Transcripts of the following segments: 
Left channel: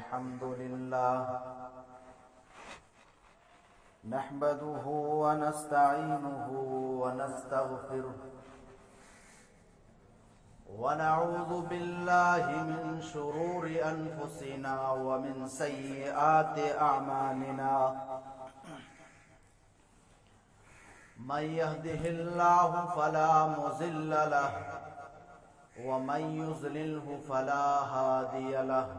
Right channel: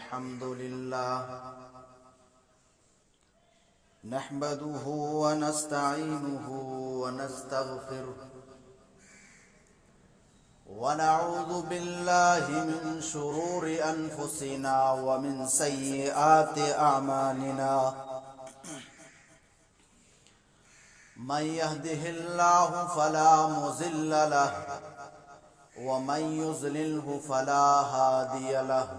الحمد لله نحمده ونستعينه ونستغفره ونعوذ بالله من شرور أنفسنا ومن سيئات أعمالنا من يهده الله فلا مضل له ومن يضلله فلا هادي له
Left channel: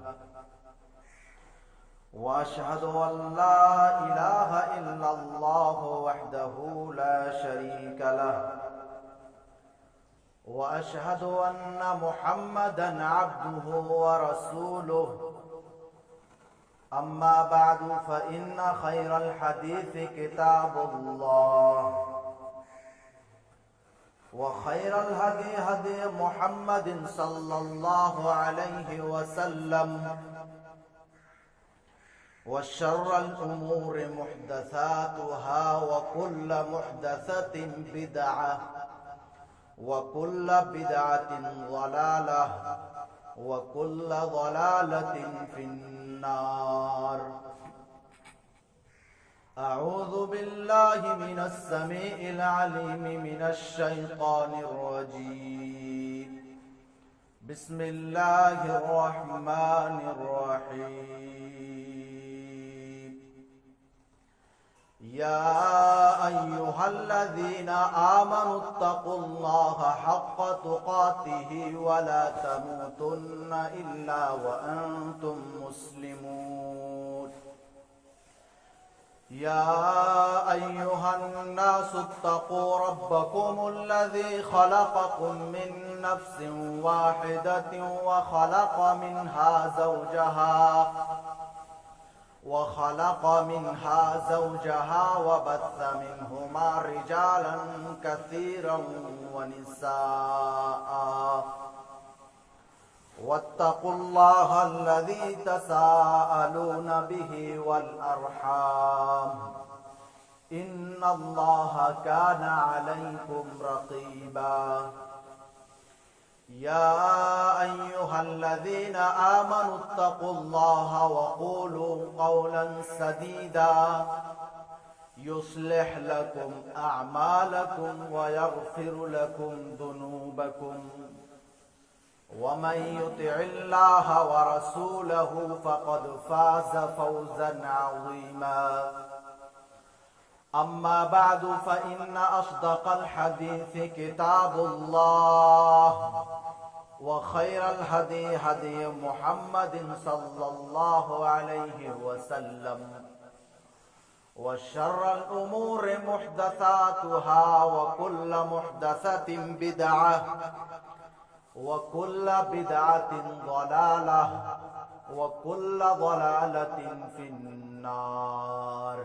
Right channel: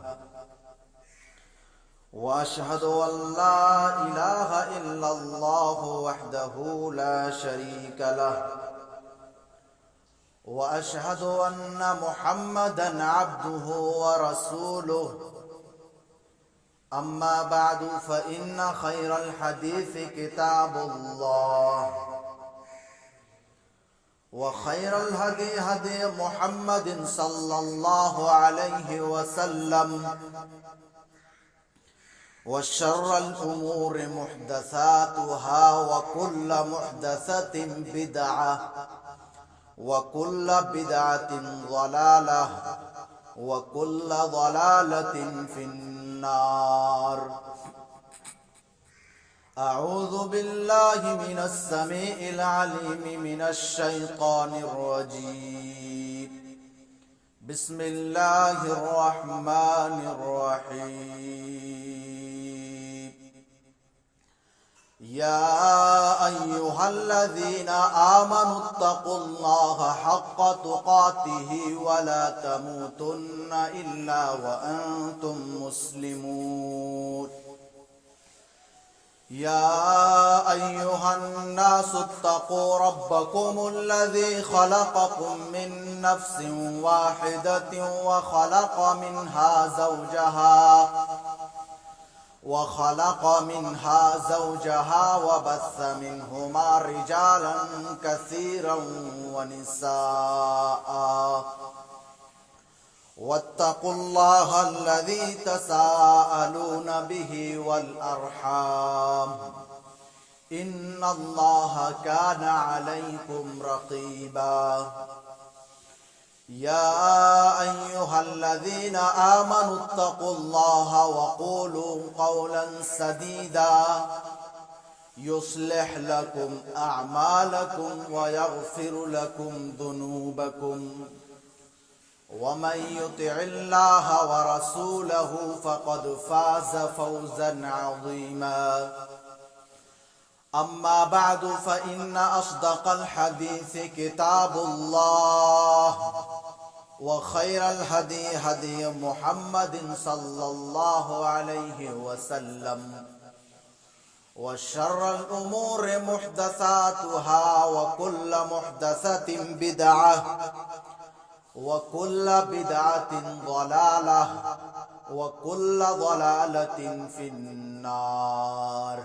وأشهد أن لا إله إلا الله وحده لا شريك له وأشهد أن محمدا عبده ورسوله أما بعد فإن خير الحديث كتاب الله وخير الهدي هدي محمد صلى الله عليه وسلم وشر الأمور محدثاتها وكل محدثة بدعة وكل بدعة ضلالة وكل ضلالة في النار. أعوذ بالله من السميع العليم من الشيطان الرجيم. بسم الله الرحمن الرحيم. يا أيها الذين آمنوا اتقوا الله حق تقاته ولا تموتن إلا وأنتم مسلمون. يا أيها الناس اتقوا ربكم الذي خلقكم من نفس واحدة وخلق منها زوجها وبث منهما رجالا كثيرا ونساء واتقوا الله الذي تساءلون به والأرحام إن الله كان عليكم رقيبا. يا أيها الذين آمنوا اتقوا الله وقولوا قولا سديدا يصلح لكم أعمالكم ويغفر لكم ذنوبكم ومن يطع الله ورسوله فقد فاز فوزا عظيما. أما بعد فإن أصدق الحديث كتاب الله وخير الهدي هدي محمد صلى الله عليه وسلم وشر الأمور محدثاتها وكل محدثة بدعة وكل بدعة ضلالة وكل ضلالة في النار.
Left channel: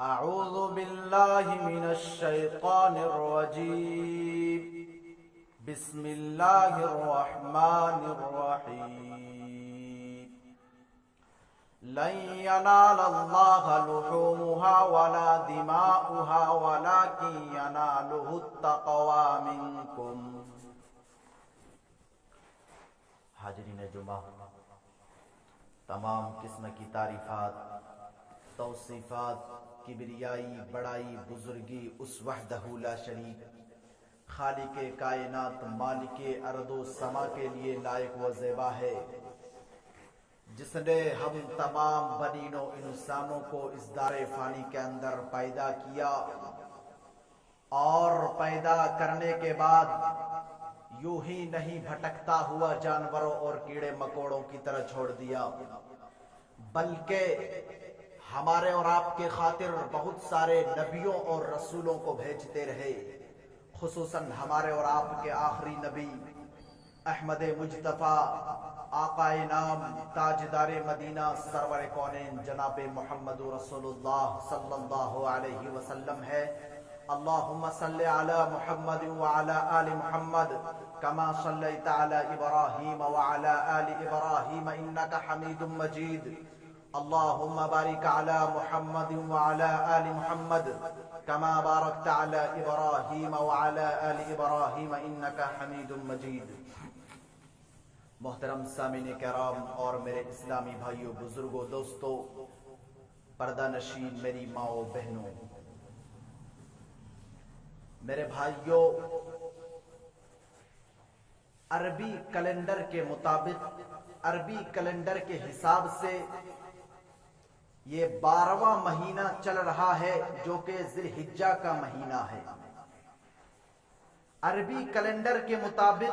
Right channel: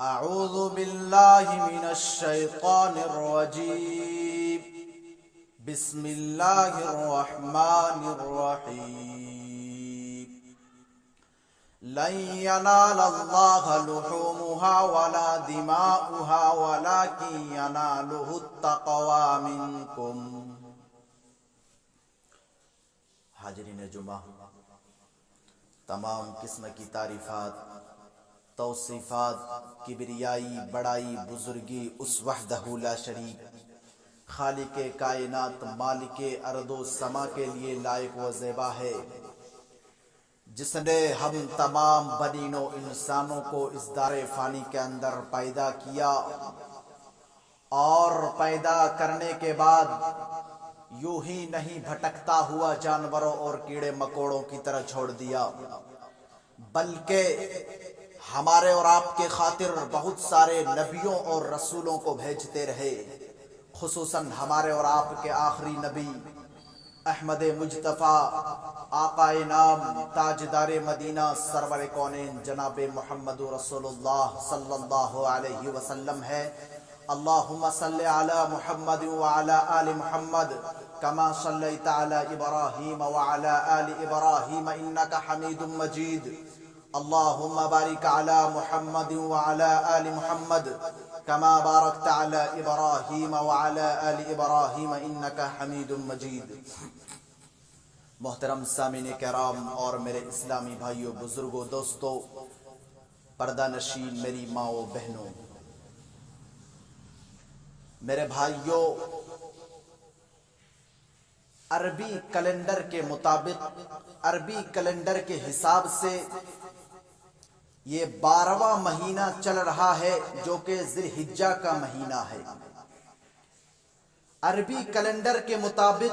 أعوذ بالله من الشيطان الرجيم. بسم الله الرحمن الرحيم. لن ينال الله لحومها ولا دماؤها ولكن يناله التقوى منكم. حاضرین جمعہ، تمام قسم کی تعریفات، توصیفات، کبریائی، بڑائی، بزرگی اس وحدہ لا شریک خالق کائنات مالک ارض و سما کے لیے لائق و زیبا ہے، جس نے ہم تمام بنین و انسانوں کو اس دار فانی کے اندر پیدا کیا اور پیدا کرنے کے بعد یوں ہی نہیں بھٹکتا ہوا جانوروں اور کیڑے مکوڑوں کی طرح چھوڑ دیا، بلکہ ہمارے اور آپ کے خاطر بہت سارے نبیوں اور رسولوں کو بھیجتے رہے، خصوصاً ہمارے اور آپ کے آخری نبی احمد مجتبیٰ آقا نام تاجدار مدینہ سرور کونین جناب محمد رسول اللہ صلی اللہ علیہ وسلم ہے۔ اللہم صلی علی محمد وعلی آل محمد کما صلیت علی ابراہیم وعلی آل ابراہیم انکا حمید مجید۔ اللہم بارک علی محمد وعلی آل محمد کما بارکت علی ابراہیم وعلی آل ابراہیم انکا حمید مجید۔ محترم سامعین کرام اور میرے اسلامی بھائیوں، بزرگوں، دوستوں، پردہ نشین میری ماؤں بہنوں، میرے بھائیوں، عربی کیلنڈر کے مطابق، عربی کیلنڈر کے حساب سے یہ 12واں مہینہ چل رہا ہے جو کہ ذی الحجہ کا مہینہ ہے۔ عربی کیلنڈر کے مطابق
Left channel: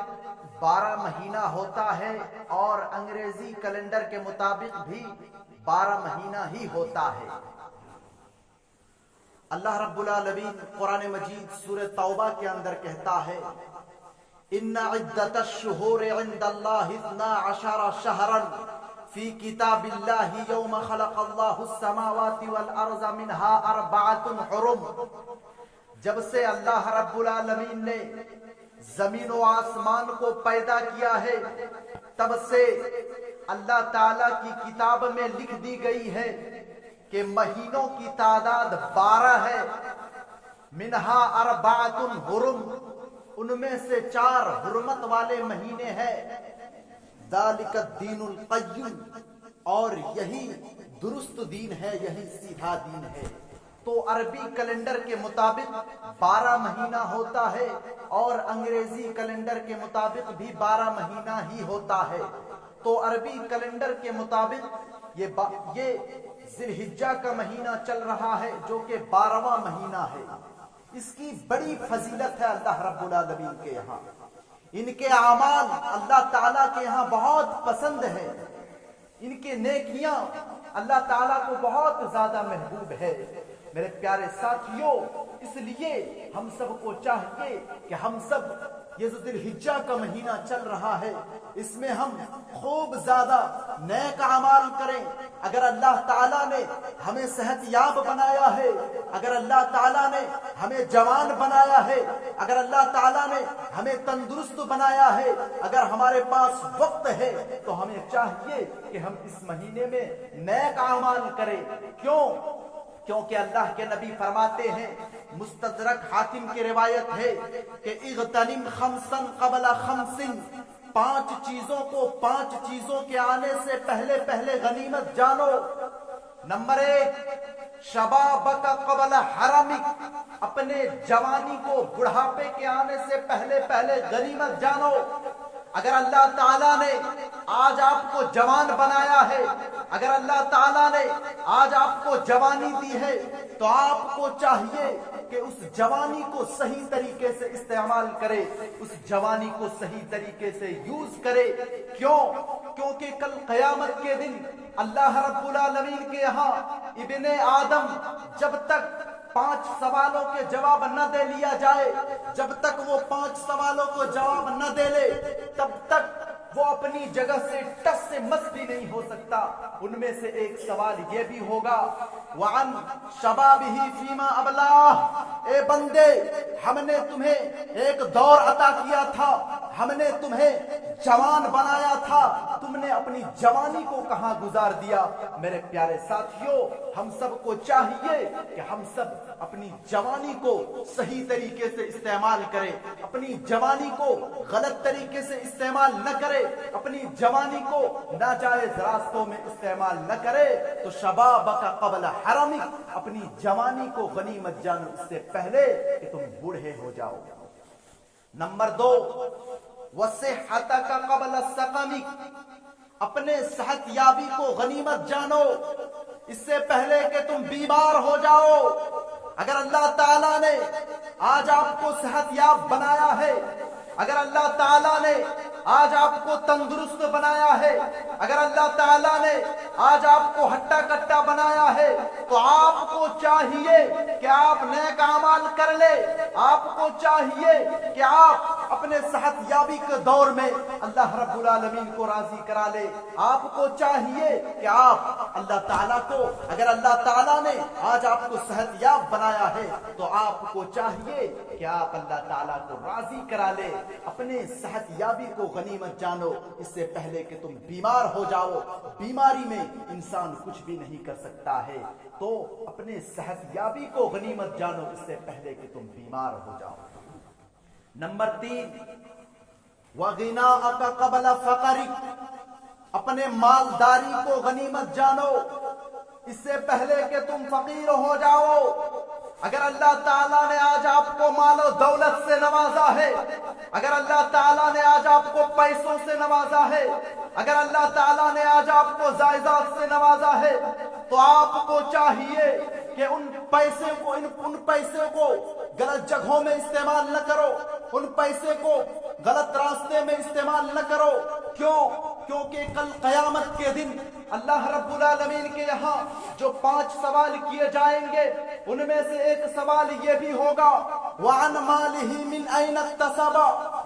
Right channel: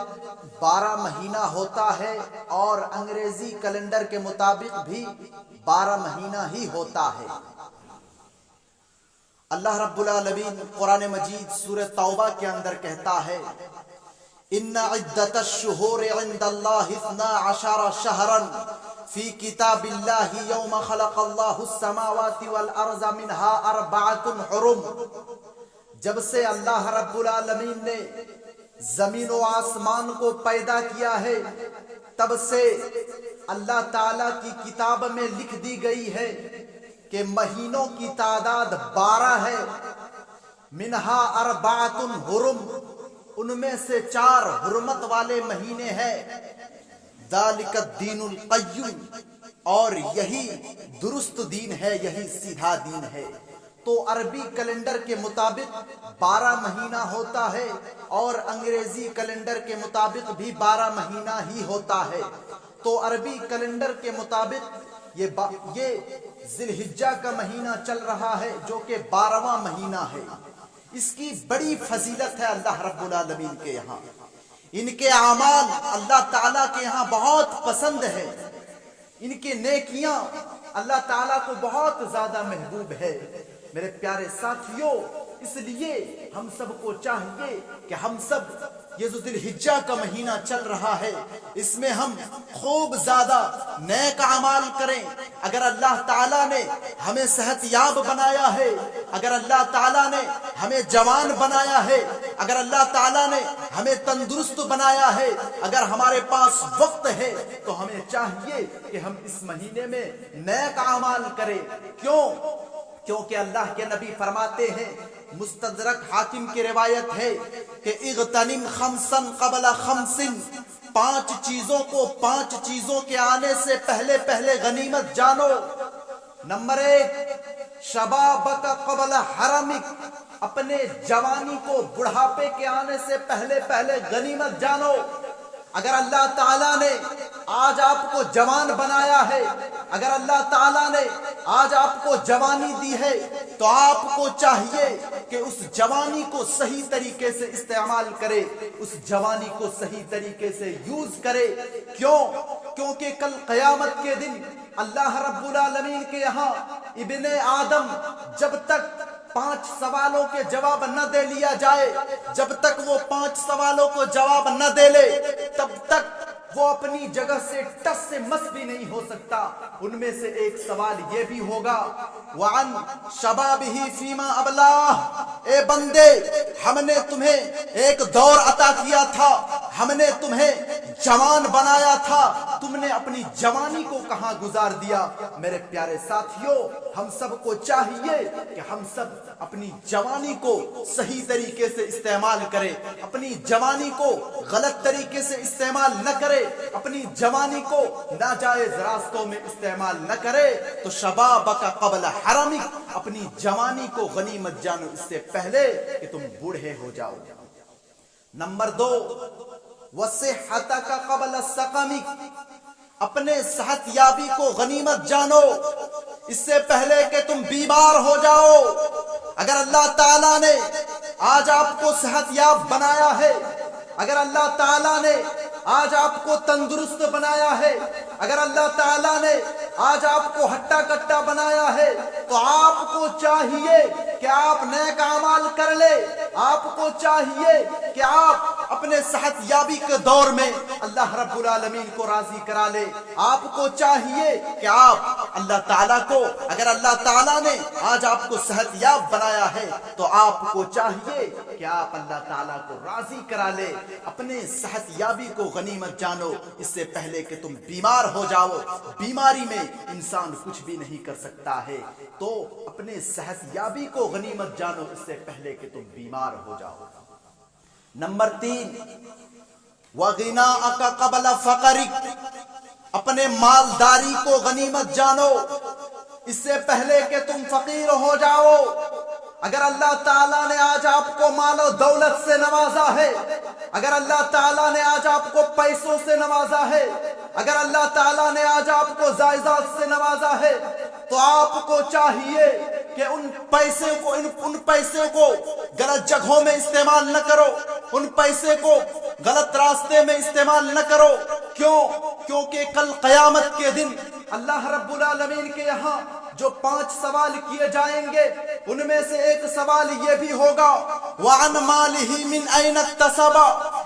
12 مہینہ ہوتا ہے اور انگریزی کیلنڈر کے مطابق بھی 12 مہینہ ہی ہوتا ہے۔ اللہ رب العالمین قرآن مجید سورہ توبہ کے اندر کہتا ہے، ان عدت الشہور عند اللہ 12 شہرا فی کتاب اللہ یوم خلق اللہ السماوات والارض منها 4 حرم۔ جب سے اللہ رب العالمین نے زمین و آسمان کو پیدا کیا ہے، تب سے اللہ تعالیٰ کی کتاب میں لکھ دی گئی ہے کہ مہینوں کی تعداد 12 ہے۔ منہا 4 حرم، ان میں سے 4 حرمت والے مہینے ہیں۔ ذالک الدین القیم، اور یہی درست دین ہے، یہی سیدھا دین ہے۔ تو عربی کیلنڈر کے مطابق 12 مہینہ ہوتا ہے اور انگریزی کیلنڈر کے مطابق بھی 12 مہینہ ہی ہوتا ہے۔ تو عربی کیلنڈر کے مطابق یہ ذی الحجہ کا مہینہ چل رہا ہے جو کہ 12واں مہینہ ہے۔ اس کی بڑی فضیلت ہے اللہ رب العالمین کے یہاں، ان کے اعمال اللہ تعالیٰ کے یہاں بہت پسند ہے، ان کے نیکیاں اللہ تعالیٰ کو بہت زیادہ محبوب ہے۔ میرے پیارے ساتھیوں، اس لیے ہم سب کو چاہیے کہ ہم سب یہ جو ذی الحجہ کا مہینہ چل رہا ہے، اس میں ہم خوب زیادہ نیک اعمال کریں۔ اگر اللہ تعالیٰ نے ہمیں صحت یاب بنایا ہے، اگر اللہ تعالیٰ نے ہمیں جوان بنایا ہے، اگر اللہ تعالیٰ نے ہمیں تندرست بنایا ہے، اگر ہمارے پاس وقت ہے، تو ہمیں چاہیے کہ ہم اس مہینے میں نیک اعمال کریں۔ کیونکہ اللہ کے نبی فرماتے ہیں، مستدرک حاکم کی روایت ہے کہ اغتنم خمسا قبل خمس، 5 چیزوں کو 5 چیزوں کے آنے سے پہلے غنیمت جانو۔ نمبر 1، شبابک قبل حرمک، اپنے جوانی کو بڑھاپے کے آنے سے پہلے غنیمت جانو۔ اگر اللہ تعالیٰ نے آج آپ کو جوان بنایا ہے، اگر اللہ تعالیٰ نے آج آپ کو جوانی دی ہے، تو آپ کو چاہیے کہ اس جوانی کو صحیح طریقے سے استعمال کرے، اس جوانی کو صحیح طریقے سے یوز کرے۔ کیونکہ کل قیامت کے دن اللہ رب العالمین کے یہاں ابن آدم جب تک 5 سوالوں کے جواب نہ دے لیا جائے، جب تک وہ 5 سوالوں کو جواب نہ دے لے، تب تک وہ اپنی جگہ سے ٹس سے مس بھی نہیں ہو سکتا۔ ان میں سے ایک سوال یہ بھی ہوگا، وَعَنْ شَبَابِهِ فِيمَا أَبْلَاهُ، اے بندے، ہم نے تمہیں ایک دور عطا کیا تھا، ہم نے تمہیں جوان بنایا تھا، تم نے اپنی جوانی کو کہاں گزار دیا؟ میرے پیارے ساتھیوں، ہم سب کو چاہیے کہ ہم سب اپنی جوانی کو صحیح طریقے سے استعمال کریں، اپنی جوانی کو غلط طریقے سے استعمال نہ کرے، اپنی جوانی کو ناجائز راستوں میں استعمال نہ کرے۔ تو شبابک قبل حرمک، اپنی جوانی کو غنیمت جانو اس سے پہلے کہ تم بوڑھے ہو جاؤ۔ نمبر 2، وصحتک قبل سقمک، اپنے صحت یابی کو غنیمت جانو اس سے پہلے کہ تم بیمار ہو جاؤ۔ اگر اللہ تعالیٰ نے آج آپ کو صحت یاب بنایا ہے، اگر اللہ تعالیٰ نے آج آپ کو تندرست بنایا ہے، اگر اللہ تعالیٰ نے آج آپ کو ہٹا کٹا بنایا ہے، تو آپ کو چاہیے کہ آپ نیک اعمال کر لے۔ آپ کو چاہیے کہ آپ اپنے صحت یابی کے دور میں اللہ رب العالمین کو راضی کرا لے۔ آپ کو چاہیے کہ آپ اللہ تعالیٰ کو، اگر اللہ تعالیٰ نے آج آپ کو صحت یاب بنایا ہے، تو آپ کو چاہیے کہ آپ اللہ تعالیٰ کو راضی کرا لے۔ اپنے صحت یابی کو غنیمت جانو اس سے پہلے کہ تم بیمار ہو جاؤ۔ بیماری میں انسان کچھ بھی نہیں کر سکتا ہے، تو اپنے صحت یابی کو غنیمت جانو اس سے پہلے کہ تم بیمار ہو جاؤ۔ نمبر 3، وغناءک قبل فقرک، اپنے مالداری کو غنیمت جانو اس سے پہلے کہ تم فقیر ہو جاؤ۔ اگر اللہ تعالیٰ نے آج آپ کو مال و دولت سے نوازا ہے، اگر اللہ تعالیٰ نے آج آپ کو پیسوں سے نوازا ہے، اگر اللہ تعالیٰ نے آج آپ کو جائیداد سے نوازا ہے، تو آپ کو چاہیے کہ ان پیسے کو غلط جگہوں میں استعمال نہ کرو، ان پیسے کو غلط راستے میں استعمال نہ کرو۔ کیوں؟ کیونکہ کل قیامت کے دن اللہ رب العالمین کے یہاں جو 5 سوال کیے جائیں گے، ان میں سے ایک سوال یہ بھی ہوگا وَعَنْ مَالِهِ مِنْ أَيْنَ اكْتَسَبَ،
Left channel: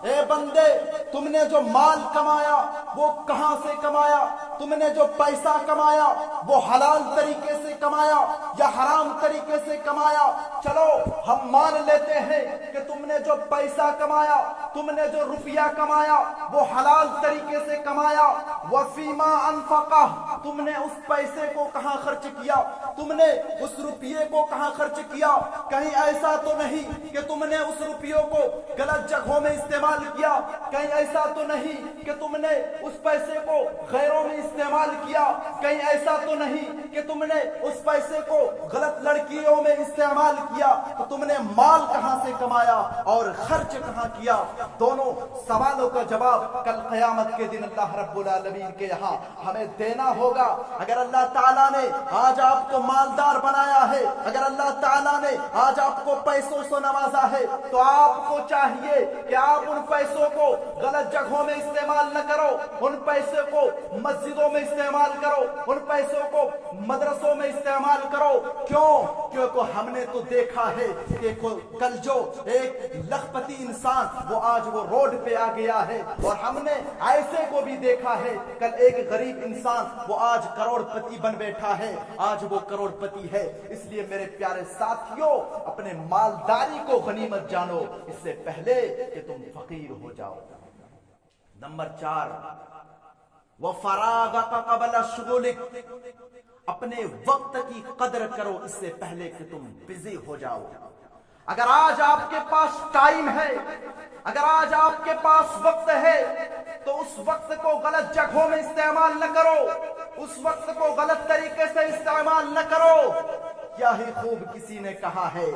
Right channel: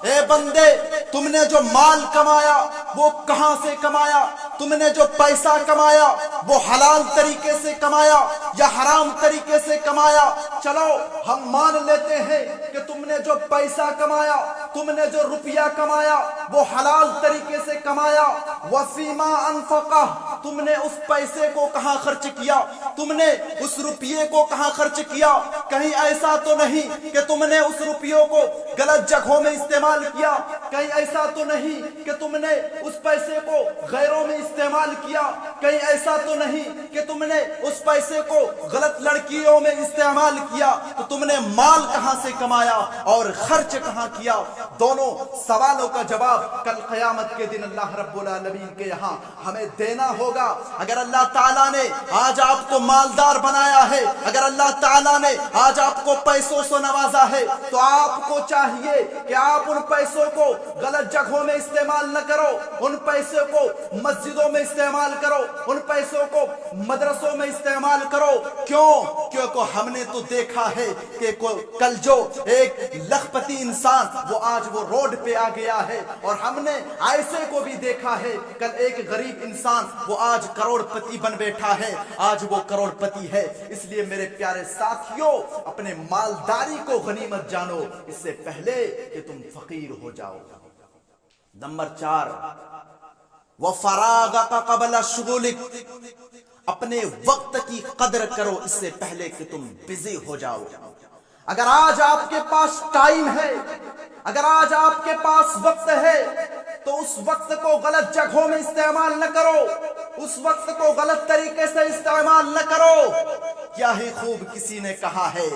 اے بندے تم نے جو مال کمایا وہ کہاں سے کمایا؟ تم نے جو پیسہ کمایا وہ حلال طریقے سے کمایا یا حرام طریقے سے کمایا؟ چلو ہم مان لیتے ہیں کہ تم نے جو پیسہ کمایا، تم نے جو روپیہ کمایا وہ حلال طریقے سے کمایا۔ وَفِيمَا أَنفَقَهُ، تم نے اس پیسے کو کہاں خرچ کیا؟ تم نے اس روپیے کو کہاں خرچ کیا؟ کہیں ایسا تو نہیں کہ تم نے اس روپیوں کو غلط جگہوں میں استعمال کیا؟ کہیں ایسا تو نہیں کہ تم نے اس پیسے کو غیروں میں استعمال کیا؟ کہیں ایسا تو نہیں کہ تم نے اس پیسے کو غلط لڑکیوں میں استعمال کیا؟ تو تم نے مال کہاں سے کمایا اور خرچ کہاں کیا؟ دونوں سوالوں کا جواب کل قیامت کے دن اللہ رب العالمین کے یہاں ہمیں دینا ہوگا۔ اگر اللہ تعالیٰ نے آج آپ کو مالدار بنایا ہے، اگر اللہ تعالیٰ نے آج آپ کو پیسوں سے نوازا ہے، تو آپ کو چاہیے کہ آپ ان پیسوں کو غلط جگہوں میں استعمال نہ کرو، ان پیسوں کو مسجدوں میں استعمال کرو، ان پیسوں کو مدرسوں میں استعمال کرو۔ کیوں؟ کیونکہ ہم نے تو دیکھا ہے کہ کل جو ایک لکھپتی انسان وہ آج وہ روڈ پہ آ گیا ہے، اور ہم نے ایسے کو بھی دیکھا ہے کل ایک غریب انسان وہ آج کروڑ پتی بن بیٹھا ہے، آج وہ کروڑ پتی ہے۔ اس لیے میرے پیارے ساتھیوں، اپنے مالداری کو غنیمت جانو اس سے پہلے کہ تم فقیر ہو جاؤ۔ نمبر 4، وَفَرَاغَكَ قَبْلَ شُغُلِكَ، اپنے وقت کی قدر کرو اس سے پہلے کہ تم بزی ہو جاؤ۔ اگر آج آپ کے پاس ٹائم ہے، اگر آج آپ کے پاس وقت ہے، تو اس وقت کو غلط جگہوں میں استعمال نہ کرو، اس وقت کو غلط طریقے سے استعمال نہ کرو۔ کیا ہی خوب کسی نے کہا ہے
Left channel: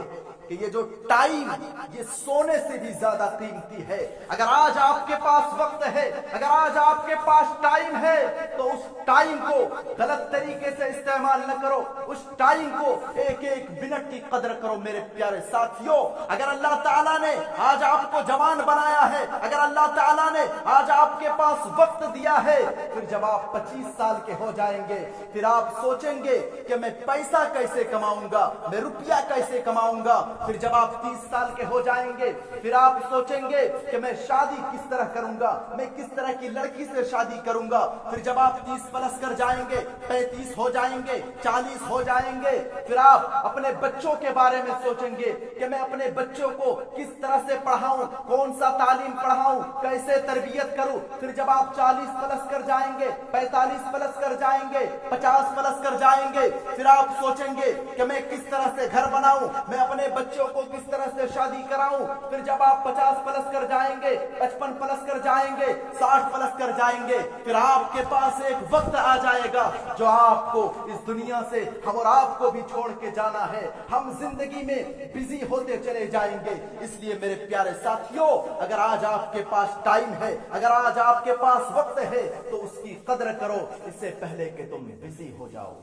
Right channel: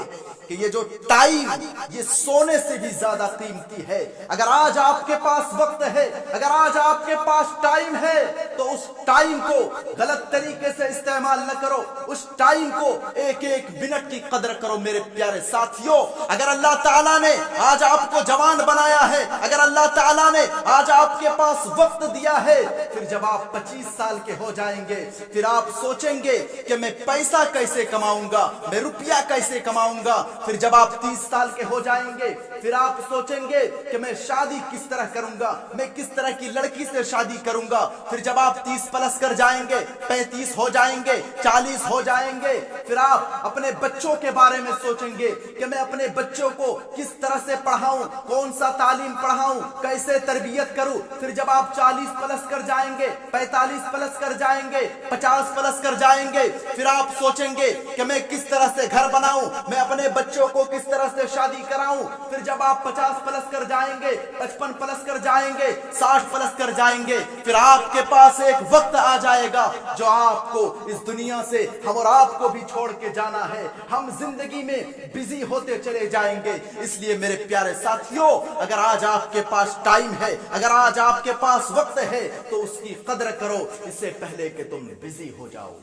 کہ یہ جو ٹائم یہ سونے سے بھی زیادہ قیمتی ہے۔ اگر آج آپ کے پاس وقت ہے، اگر آج آپ کے پاس ٹائم ہے، تو اس ٹائم کو غلط طریقے سے استعمال نہ کرو، اس ٹائم کو ایک ایک منٹ کی قدر کرو۔ میرے پیارے ساتھیوں، اگر اللہ تعالیٰ نے آج آپ کو جوان بنایا ہے، اگر اللہ تعالیٰ نے آج آپ کے پاس وقت دیا ہے، پھر جب آپ 25 سال کے ہو جائیں گے، پھر آپ سوچیں گے کہ میں پیسہ کیسے کماؤں گا، میں روپیہ کیسے کماؤں گا۔ پھر جب آپ 30 سال کے ہو جائیں گے، پھر آپ سوچیں گے کہ میں شادی کس طرح کروں گا، میں کس طرح کی لڑکی سے شادی کروں گا۔ پھر جب آپ 30 پلس کر جائیں گے، 35 ہو جائیں گے، 40 ہو جائیں گے، پھر آپ اپنے بچوں کے بارے میں سوچیں گے کہ میں اپنے بچوں کو کس طرح سے پڑھاؤں، کون سا تعلیم پڑھاؤں، کیسے تربیت کروں۔ پھر جب آپ 40 پلس کر جائیں گے، 45 پلس کر جائیں گے، 50 پلس کر جائیں گے، پھر آپ سوچیں گے کہ میں کس طرح سے گھر بناؤں، میں اپنے بچوں کو کس طرح سے شادی کراؤں۔ پھر جب آپ 50 پلس کر جائیں گے، 55 پلس کر جائیں گے، 60 پلس کر جائیں گے، پھر آپ کے پاس ایک وقت آ جائے گا جو آپ کو اس دنیا سے ہم اور آپ کو بھی چھوڑ کے جانا ہے۔ ہم زندگی میں بزی ہوتے چلے جائیں گے۔ اس لیے میرے پیارے ساتھیوں، اگر آج آپ کے پاس ٹائم ہے، اگر آج آپ کے پاس وقت ہے، تو اس کی قدر کرو اس سے پہلے کہ تم بزی ہو جاؤ۔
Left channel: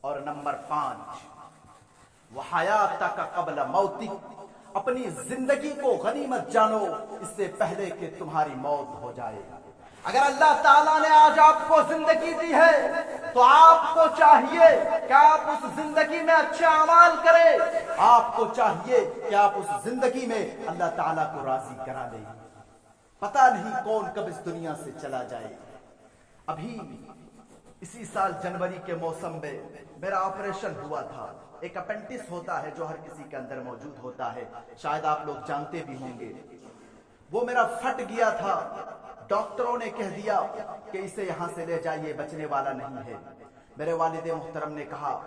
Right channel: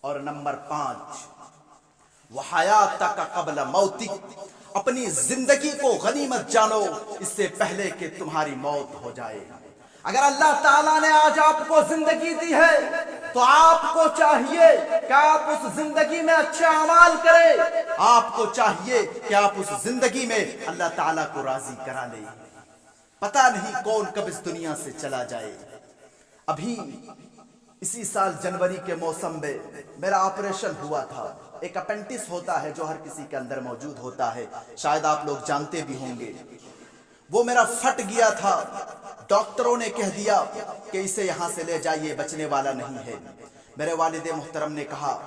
اور نمبر 5، وحیاتک قبل موتک، اپنی زندگی کو غنیمت جانو اس سے پہلے کہ تمہاری موت ہو جائے۔ اگر اللہ تعالیٰ نے آج آپ کو زندگی دی ہے، تو آپ کو چاہیے کہ آپ اس زندگی میں اچھے اعمال کریں۔ آپ کو چاہیے کہ آپ اس زندگی میں اللہ تعالیٰ کو راضی کرا لیں۔ پتہ نہیں کون کب اس دنیا سے چلا جائے۔ ابھی اسی سال جنوری کے موسم میں میرا آپریشن ہوا تھا۔ ایک اپینڈکس ہوتا ہے جو ہر کسی کے اندر موجود ہوتا ہے، شاید آپ لوگ جانتے بھی ہوں گے۔ وہ میرا پھٹ گیا تھا، ڈاکٹروں نے کہہ دیا کہ اسے یہاں سے لے جائیے، بچنے والا نہیں ہے۔ میرے والد محترم نے کہا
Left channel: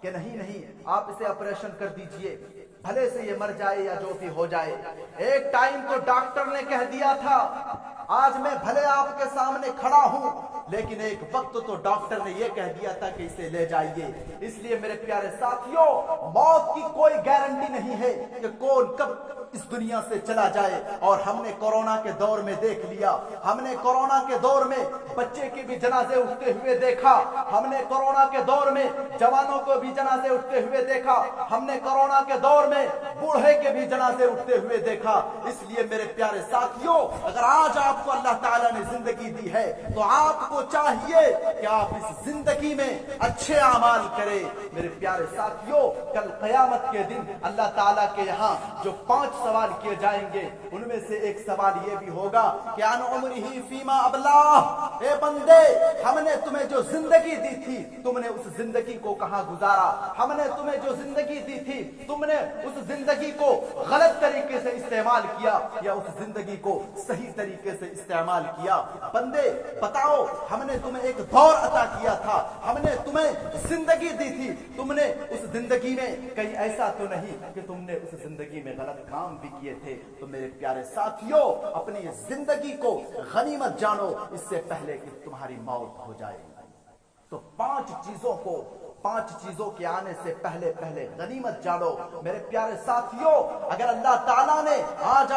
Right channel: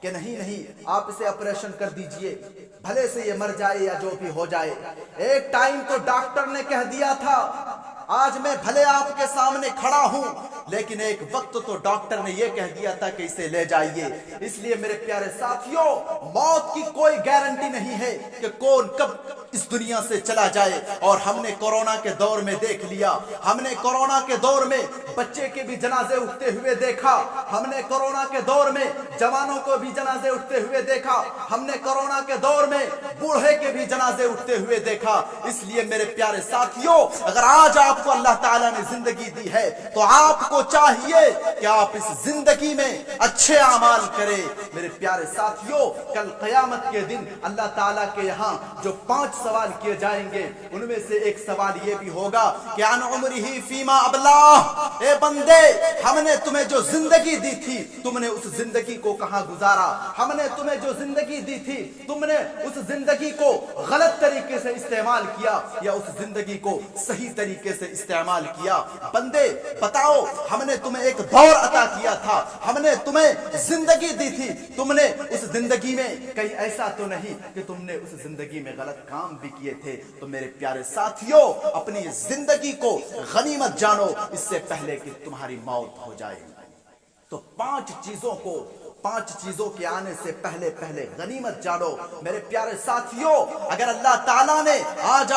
کہ نہیں آپ اسے آپریشن کر دیجئے، بھلے سے یہ مر جائے یا جو بھی ہو جائے۔ ایک ٹائم تو ڈاکٹر نے کہہ دیا تھا آج میں بھلے آپ کے سامنے کھڑا ہوں، لیکن ایک وقت تو ڈاکٹر نے یہ کہہ دیا تھا کہ اسے لے جائیے۔ اس لیے میرے پیارے ساتھیوں، موت کی کوئی گارنٹی نہیں ہے کہ کون کب اس دنیا سے چلا جائے، اور ہم نے کورونا کے دور میں دیکھ لیا، ہم نے کورونا کے دور میں بچے کے بھی جنازے اٹھتے ہوئے دیکھا، ہم نے کورونا کے دور میں جوانوں کو بھی جنازے اٹھتے ہوئے دیکھا، ہم نے کورونا کے دور میں بوڑھے کے بھی جنازے اٹھتے ہوئے دیکھا۔ اس لیے میرے پیارے ساتھیوں، اگر آج آپ کو اللہ تعالیٰ نے زندگی دی ہے تو آپ کو چاہیے کہ آپ اس زندگی میں اچھے اعمال کریں۔ میرے پیارے ساتھیوں، کل قیامت کے دن اللہ تعالیٰ کے یہاں جو 5 سوال کیے جائیں گے، ان میں سے ایک سوال یہ بھی ہوگا کہ عن عمرہ فیما ابلاہ، اے بندے، ہم نے تمہیں جو زندگی دی تھی تم نے اس زندگی کو کہاں گزارا؟ ہم نے تمہیں جو زندگی دی تھی تم نے اس زندگی کو غلط طریقے سے استعمال کیا یا اس زندگی کو صحیح طریقے سے استعمال کیا؟ بندے بتاؤ، ہم نے تمہیں ایک دور عطا کیا تھا، ہم نے تمہیں زندگی دی تھی، تم نے اس زندگی میں کہیں ایسا تو نہیں کہ تم نے اس زندگی میں غلط کام بھی کیے تھے؟ تو میرے پیارے ساتھیوں، اپنی زندگی کو غنیمت جانو اس سے پہلے کہ تمہاری موت ہو جائے۔ تو 5 چیزوں کے آنے سے پہلے غنیمت جانو۔ میرے پیارے ساتھیوں، اگر اللہ تعالیٰ نے آج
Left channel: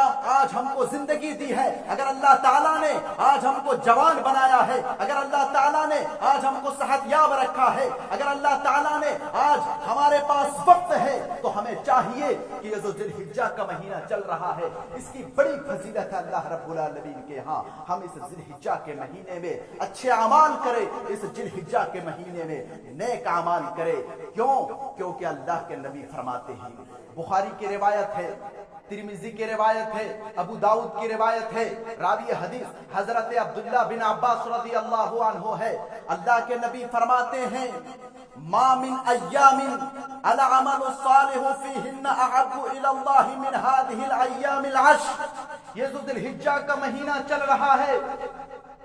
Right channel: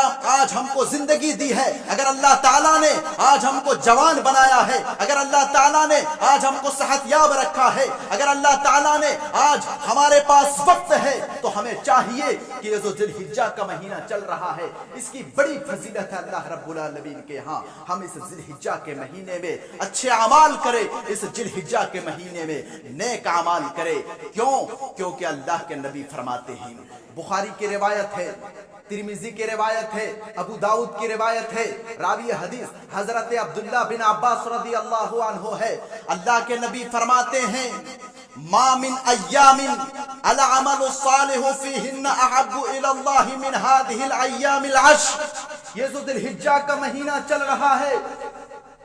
ہم کو زندگی دی ہے، اگر اللہ تعالیٰ نے آج ہم کو جوان بنایا ہے، اگر اللہ تعالیٰ نے آج ہم کو صحت یاب رکھا ہے، اگر اللہ تعالیٰ نے آج ہمارے پاس وقت ہے، تو ہمیں چاہیے کہ یہ جو ذی الحجہ کا مہینہ چل رہا ہے، اس کی بڑی فضیلت ہے اللہ رب العالمین کے ہاں۔ ہم اس ذی الحجہ کے مہینے میں اچھے اعمال کریں، اس ذی الحجہ کے مہینے میں نیک اعمال کرے۔ کیونکہ اللہ کے نبی فرماتے ہیں، بخاری کی روایت ہے، ترمذی کی روایت ہے، ابو داؤد کی روایت ہے، راوی حدیث حضرت عبداللہ بن عباس رضی اللہ عنہ ہے، اللہ کے نبی فرماتے ہیں، ما من ایام العمل الصالح فیہن احب الی اللہ من هذه الایام العشر۔ یہ ذو الحجہ کا مہینہ چل رہا ہے،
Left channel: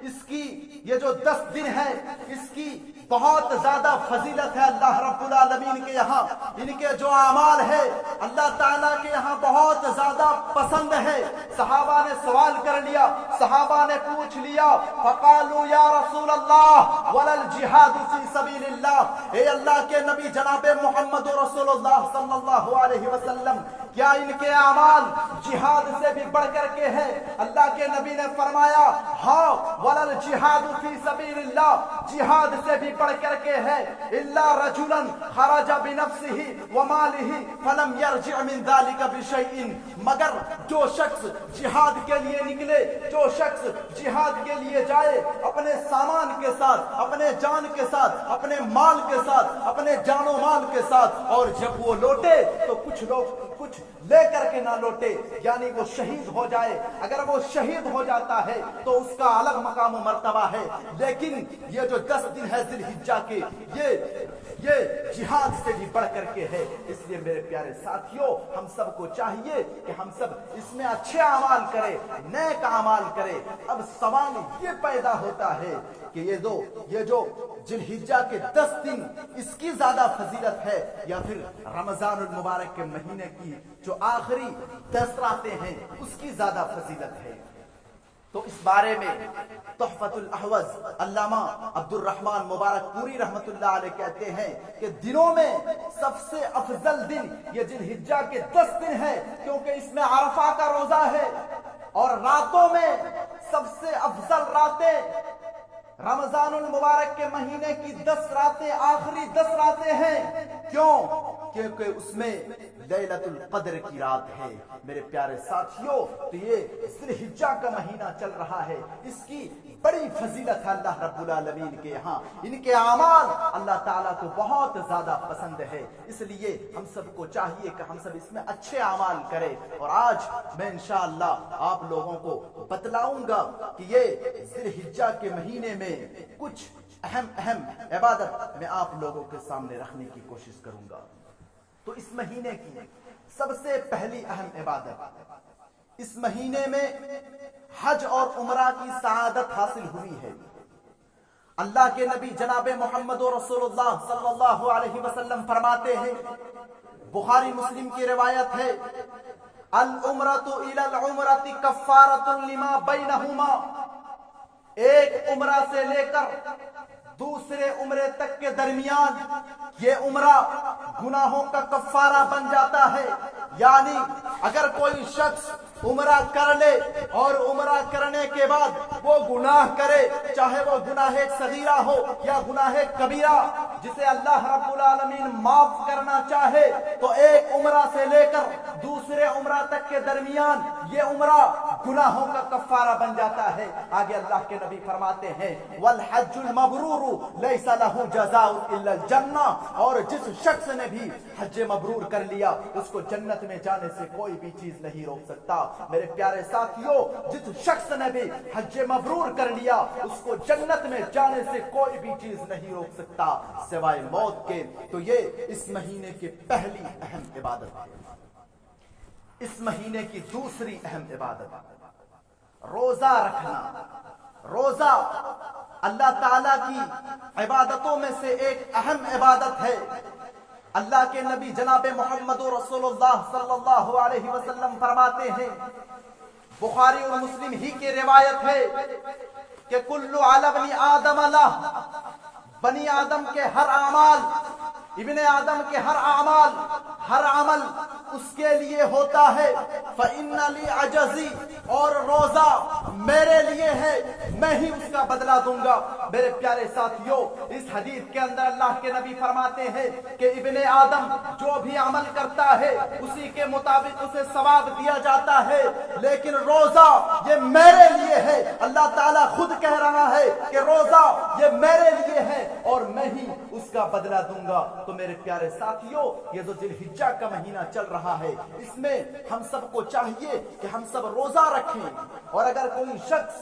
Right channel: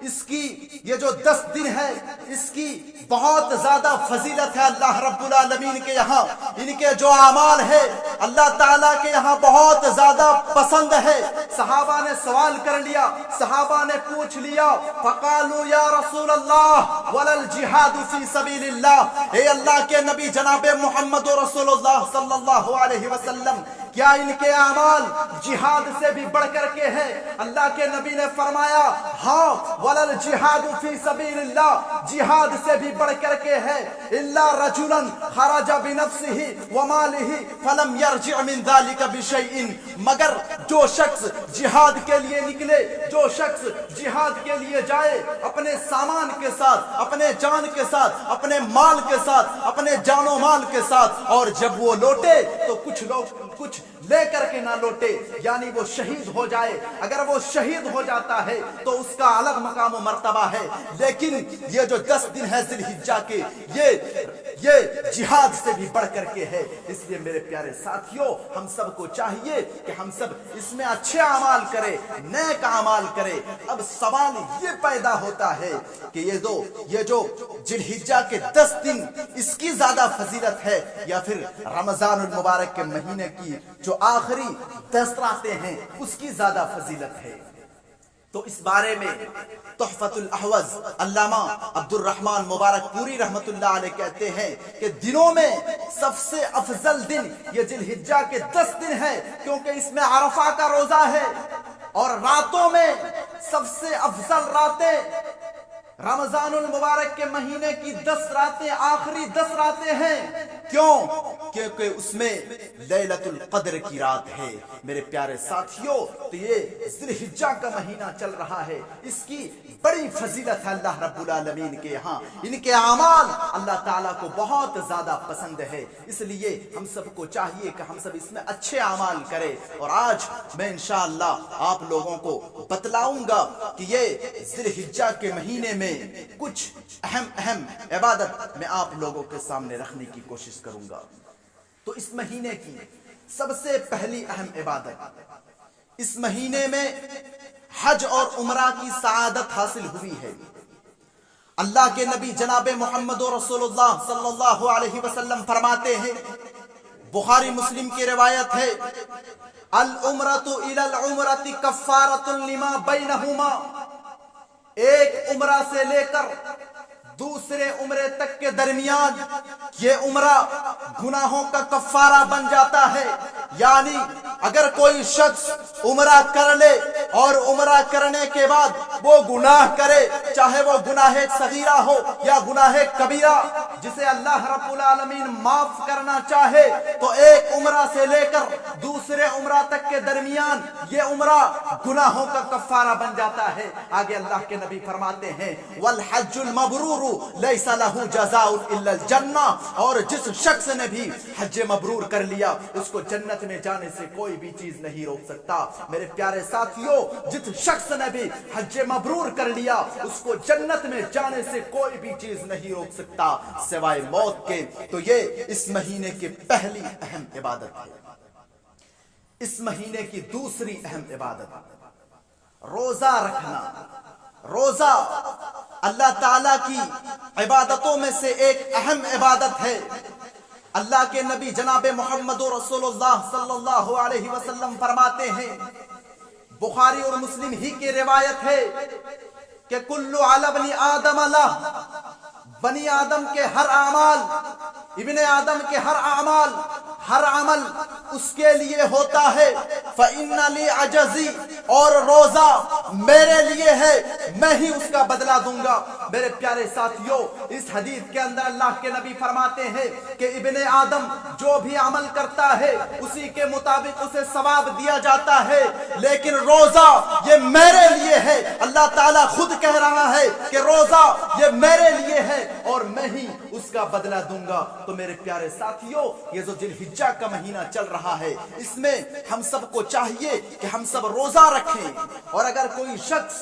اس کی یہ جو 10 دن ہے، اس کی بہت زیادہ فضیلت ہے اللہ رب العالمین کے یہاں۔ ان کے جو اعمال ہے اللہ تعالیٰ کے یہاں بہت زیادہ پسند ہے۔ صحابہ نے سوال کر لیا، صحابہ نے پوچھ لیا، فقالوا یا رسول اللہ ولا الجہاد فی سبیل اللہ، اے اللہ کے نبی جناب محمد رسول اللہ صلی اللہ علیہ وسلم، کیا ان کے اعمال جہاد سے بھی بڑھ کر کے ہیں؟ اللہ کے نبی نے فرمایا، ہاں، وَلَا الْجِهَادُ فِي سَبِيلِ اللَّهِ، جہاد سے بھی بڑھ کر کے ہے، إِلَّا رَجُلًا خَرَجَ بِنَفْسِهِ وَمَالِهِ فَلَمْ يَرْجِعْ مِنْ ذَلِكَ بِشَيْءٍ، مگر جو شخص جہاد کے لیے نکلے، جو شخص جہاد کے لیے جائے اپنے سامان کے ساتھ، اپنے جان کے ساتھ، اپنے مال کے ساتھ، اپنے جان و مال کے ساتھ، اور جب وہ لوٹے تو کچھ لوگ کچھ لے کر کے نہ لوٹے، یعنی وہ شہید ہو جائے۔ اگر وہ شہید ہو جاتا ہے تو اس کا الگ مقام و مرتبہ ہے، لیکن یہ جو 10 دن ہے ذی الحجہ کے، یہ جہاد سے بھی بڑھ کر کے ہے۔ اس لیے میرے پیارے ساتھیوں، ہم سب کو چاہیے کہ ہم سب اس میں اچھے اعمال کریں، نیک اعمال کریں۔ اب سوال یہ پیدا ہوتا ہے کہ یہ جو ذی الحجہ کے 10 دن، اس کی زیادہ فضیلت ہے یا پھر رمضان المبارک کے مہینے کی جو آخری 10 راتیں ہیں اس کی زیادہ فضیلت ہے؟ تو اس بارے میں تحفۃ الاحوذ علامہ عبد الرحمن مبارک پوری رحمت اللہ علیہ کہتے ہیں کہ دنوں میں سب سے افضل دن یہ ذی الحجہ کے 10 دن ہے، کیونکہ اس میں عرفہ کا روزہ ہے، اور راتوں میں سب سے افضل راتیں رمضان المبارک کے مہینے کی 10 راتیں، آخری 10 راتیں ہیں۔ کیوں؟ کیونکہ اس میں لیلۃ القدر کی رات ہے۔ میرے پیارے ساتھیوں، تو یہ ذی الحجہ کا مہینہ چل رہا ہے، اس کی بڑی فضیلت ہے اللہ رب العالمین کے یہاں۔ ان کے اعمال اللہ تعالیٰ کو بہت زیادہ پسند ہے، اس لیے ہم سب کو چاہیے کہ ہم سب اس میں اچھے اعمال کریں۔ اور آج میں انشاءاللہ آپ لوگوں کو بتلاؤں گا کہ یہ ذی الحجہ کے مہینے میں کچھ اہم عبادت میں آپ لوگوں کے سامنے رکھنے کی کوشش کروں گا۔ تو اس مہینے کی سب سے پہلی اہم عبادت، اس مہینے میں حج اور عمرہ کی سعادت حاصل ہوئی ہے۔ اللہ کے نبی جناب محمد رسول اللہ صلی اللہ علیہ وسلم فرماتے ہیں، بخاری مسلم کی روایت ہے، العمرۃ الی العمرۃ کفارۃ لما بینہما، ایک عمرہ سے لے کر دوسرے عمرے تک کے درمیان یہ عمرہ گناہوں کا کفارہ بن جاتا ہے۔ یعنی اگر کوئی شخص عمرہ کر لے اور عمرہ کرنے کے بعد وہ گناہ کرے، چاہے وہ گناہ صغیرہ ہو یا گناہ کبیرہ، جسے اللہ رب العالمین معاف کرنا چاہے، تو ایک عمرہ سے لے کر دوسرے عمرہ تک کے درمیان یہ عمرہ گناہوں کا کفارہ بن جاتا ہے۔ آگے اللہ کے نبی فرماتے ہیں والحج المبرور لیس لہ جزاء الا الجنہ، اور جس شخص نے بھی حج مبرور کر لیا اس کو جنت میں جانے سے کوئی بھی چیز نہیں روک سکتا۔ میرے پیارے ساتھیوں، جس شخص نے بھی حج مبرور کر لیا اس کو جنت میں جانے سے کوئی بھی چیز نہیں روک سکتا سوائے موت کے۔ تو یہ اس مہینے کی پہلی اہم عبادت ہے۔ اس مہینے کی دوسری اہم عبادت روزہ رکھنا۔ روزہ اللہ تعالیٰ کی عبادتوں میں سے ایک اہم عبادت ہے۔ اللہ کے نبی جناب محمد رسول اللہ صلی اللہ علیہ وسلم فرماتے ہیں، بخاری اور مسلم ہی کی روایت ہے کہ کل علی ابن آدم لہ، بنی آدم کے ہر اعمال، ابن آدم کے ہر عمل اس کے لیے ہوتا ہے۔ فَإِنَّ لِي عَجَزِي، اور روزہ میرے لیے ہے، میں ہی اس کا بدلہ دوں گا۔ میرے پیارے ساتھیوں، اس حدیث کے اندر اللہ کے نبی فرماتے ہیں کہ ابن آدم جو بھی عمل کرتا ہے اسی کے مطابق اسے ثواب دیا جاتا ہے، لیکن روزہ یہ میرے لیے ہے۔ اللہ تعالیٰ خود کہہ رہا ہے کہ روزہ یہ میرے لیے ہے اور میں ہی اس کا بدلہ دوں گا۔ تو میرے پیارے ساتھیوں، یہ جو ذی الحجہ کا مہینہ چل رہا ہے، اس میں ہم سب کو چاہیے کہ ہم سب روزہ رکھیں، اور اگر کوئی شخص